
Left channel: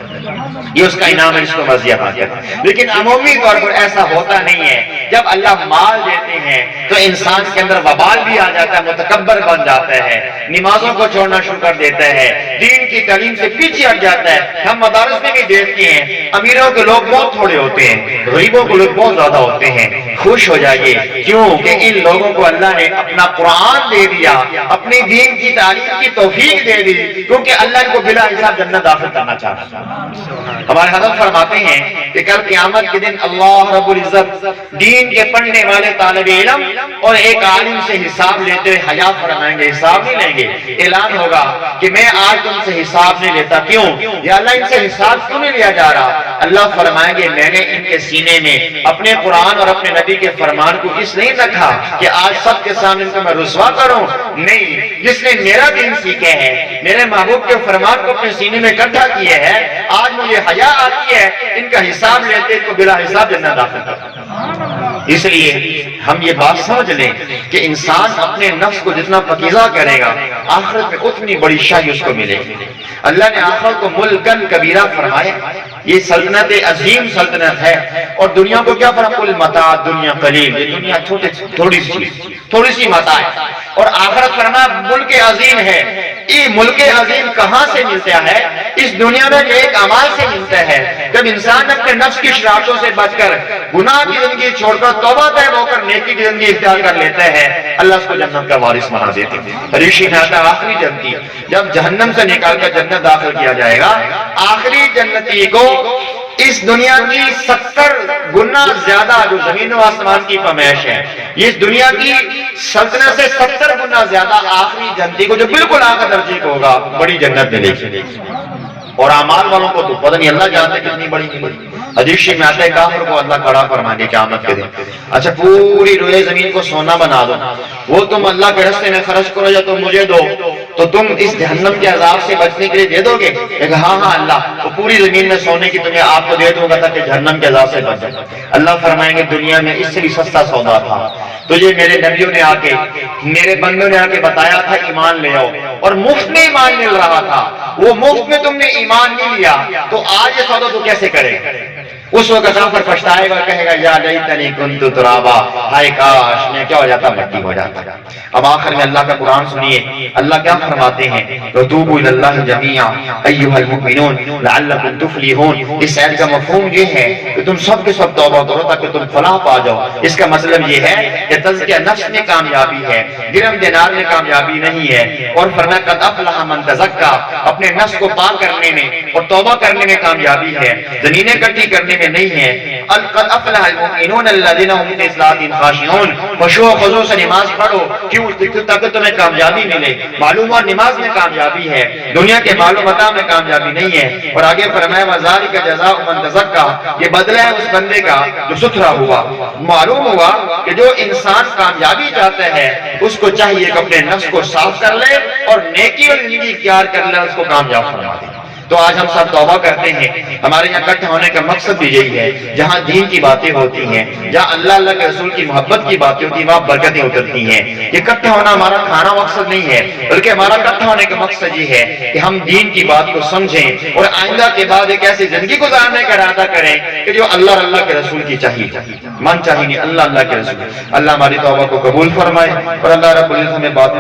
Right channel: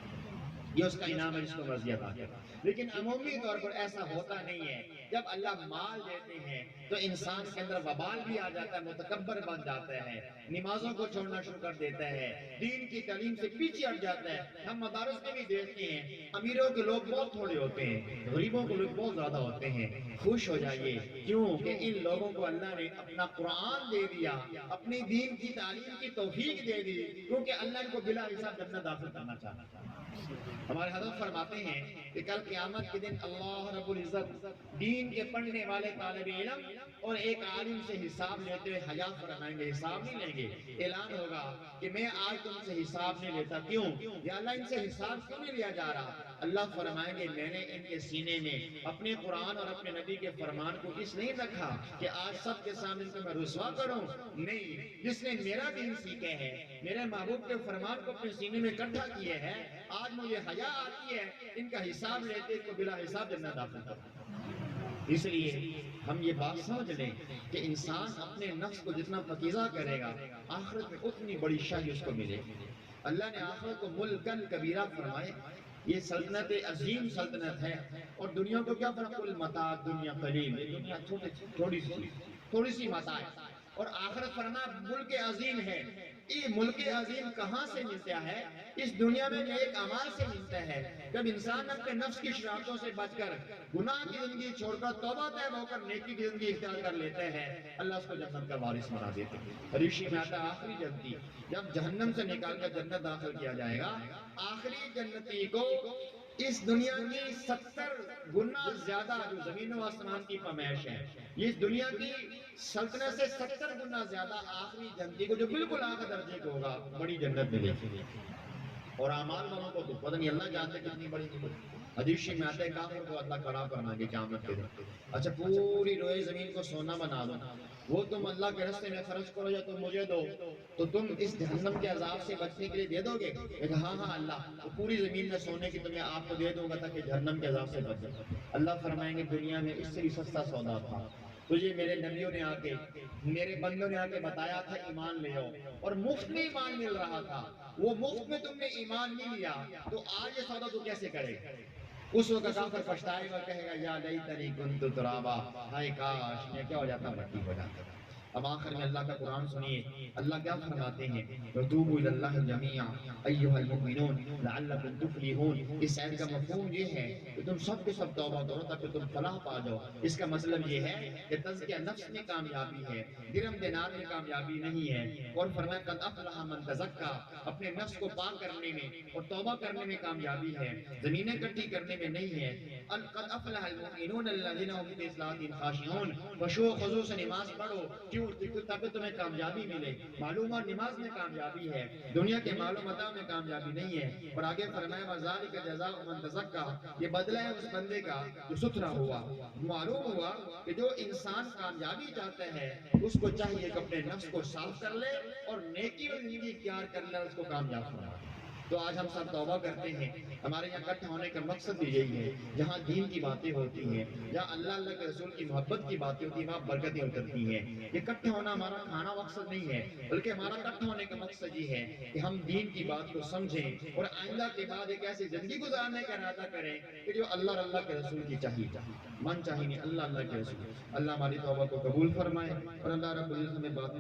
یہ اس کا انعام ہے، اس کو مزیہ حاصل ہے۔ لیکن عمومی طور پر ایسا ہوتا نہیں ہے۔ جب اللہ مال دیتے ہیں تو انسان کے اندر وبال بھی آ جاتا ہے، متکبر بن جاتا ہے، نمازوں کو چھوڑنا شروع کر دیتا ہے، دین کی تعلیم سے پیچھے ہٹ جاتا ہے۔ ہم مدارس میں بھی دیکھتے ہیں امیروں کے لوگ بہت تھوڑے ہوتے ہیں، غریبوں کے لوگ بہت زیادہ ہوتے ہیں۔ خوش ہو جائیے، کیوں کہ ان لوگوں کو اللہ نے اپنا قرآن دے دیا، اپنی دین کی تعلیم کی توفیق دے دی، کیونکہ اللہ ان کو بلا حساب جنت داخل کرنا چاہتا ہے۔ ہمارے حضرت فرماتے ہیں کہ کل قیامت کے دن اللہ رب العزت دین کے پڑھنے والے طالب علم اور ایک عالم سے حساب لیتے ہوئے حیا فرمائیں گے، حساب نہیں لیں گے۔ اعلان ہوگا کہ میں آج تم سے حساب نہیں لیتا، کیوں؟ یا اللہ ان سے حساب کیوں نہیں لیا جا رہا؟ اللہ فرمائیں گے میں نے ان کے سینے میں اپنے قرآن اور اپنے نبی کے فرمان کو اس نہیں رکھا کہ آج سب کے سامنے ان کو میں رسوا کروں، نہیں، جس نے میرا دین سیکھے ہے، میرے محبوب کے فرمان کو اپنے سینے میں اکٹھا کیے ہے، آج مجھے حیا آتی ہے ان کا حساب لیتے کو بلا حساب جنت داخل کرتا۔ اس لیے ہم یہ بات سمجھ لیں کہ انسان اپنے نفس کو جتنا پکیزہ کرے گا آخرت میں اتنی بڑی شاہی اس کو ملے گی۔ اللہ نے آخرت کو ملکن کبیرہ فرمایا، یہ سلطنت عظیم سلطنت ہے، اور دنیا کو کیا فرق؟ کل متاع دنیا قلیل، یہ دنیا تھوڑی سی متاع ہے، اور آخرت فرمایا ملک عظیم ہے۔ یہ ملک عظیم کہاں سے ملتا ہے؟ اس دنیا میں ایک اعمال سے ملتا ہے۔ جب انسان اپنے نفس کی شرارتوں سے بچ کر گناہ کی زندگی چھوڑ کر توبہ طیب ہو کر نیکی کی زندگی اختیار کر لیتا ہے، اللہ اس کو جنت کا وارث بنا دیتے ہیں۔ ریشی میں آتا ہے آخری جنتی، جب جہنم سے نکال کر جنت داخل کیا جائے گا، آخری جنتی کو اس دنیا کی 70 گنا زیادہ جو زمین و آسمان کی پیمائش ہے، یہ دنیا کی سلطنت سے 70 گنا زیادہ آخری جنتی کو جو بالکل آخر درجے کو ہوگا بڑی جنت ملے گی، اور اعمال والوں کو تو پتہ نہیں اللہ جانتے کتنی بڑی ملے گی۔ حدیث میں آتا ہے کافر کو اللہ کھڑا فرمائیں گے قیامت کے دن، اچھا پوری روئے زمین کو سونا بنا دو، وہ تم اللہ کے راستے میں خرچ کرو یا تم مجھے دو، تو تم اس جہنم کے عذاب سے بچنے کے لیے دے دو گے؟ کہ ہاں ہاں اللہ، وہ پوری زمین میں سونے کی تمہیں آپ کو دے دوں گا تاکہ جہنم کے عذاب سے بچ جائے۔ اللہ فرمائیں گے دنیا میں اس سے بھی سستا سودا تھا، تجھے میرے نبیوں نے آ کے، میرے بندوں نے آ کے بتایا تھا ایمان لے آؤ، اور مفت میں ایمان مل رہا تھا، وہ مفت میں تم نے ایمان نہیں لیا، تو آج یہ سودا تو کیسے کرے؟ اس وقت کافر پچھتائے گا، کہے گا یا لیتنی کنت ترابا، ہائے کاش میں کیا ہو جاتا، مٹی ہو جاتا۔ اب آخر میں اللہ کا قرآن سنیے، اللہ کیا فرماتے ہیں؟ وَتُوبُوا إِلَى اللَّهِ جَمِيعًا أَيُّهَا الْمُؤْمِنُونَ لَعَلَّكُمْ تُفْلِحُونَ۔ اس آیت کا مفہوم یہ ہے کہ تم سب کے سب توبہ کرو تاکہ تم فلاح پا جاؤ۔ اس کا مطلب یہ ہے کہ تزکیہ نفس میں کامیابی ہے، درہم دینار میں کامیابی نہیں ہے، اور فرمایا قد افلح من تزکا، اپنے نفس کو پاک کرنے میں اور توبہ کرنے میں کامیابی ہے، زمینیں اکٹھی کرنے میں نہیں ہے۔ قد افلح المؤمنون الذین هم فی صلاتهم خاشعون، خشوع و خضوع سے نماز پڑھو، کیوں؟ تاکہ تمہیں کامیابی ملے۔ معلوم اور نماز میں کامیابی ہے، دنیا کے مال و متاع میں کامیابی نہیں ہے۔ اور آگے فرمایا وذالک جزاء من تزکا، یہ بدلہ ہے اس بندے کا جو ستھرا ہوا۔ معلوم ہوا کہ جو انسان کامیابی چاہتا ہے اس کو چاہیے کہ اپنے نفس کو صاف کر لے اور نیکی اور زندگی اختیار کر لے، اس کو کامیاب فرما دے۔ تو آج ہم سب توبہ کرتے ہیں، ہمارے یہاں اکٹھا ہونے کا مقصد بھی یہی ہے، جہاں دین کی باتیں ہوتی ہیں، جہاں اللہ اللہ کے رسول کی محبت کی باتیں ہوتی ہیں، وہاں برکتیں اترتی ہیں۔ یہ اکٹھا ہونا ہمارا کھانا مقصد نہیں ہے، بلکہ ہمارا اکٹھا ہونے کا مقصد یہ ہے کہ ہم دین کی بات کو سمجھیں اور آئندہ کے بعد ایک ایسی زندگی گزارنے کا ارادہ کریں کہ جو اللہ اور اللہ کے رسول کی چاہیے، من چاہیے نہیں، اللہ اللہ کے رسول۔ اللہ ہماری توبہ کو قبول فرمائے، اور اللہ رب العزت ہمیں بات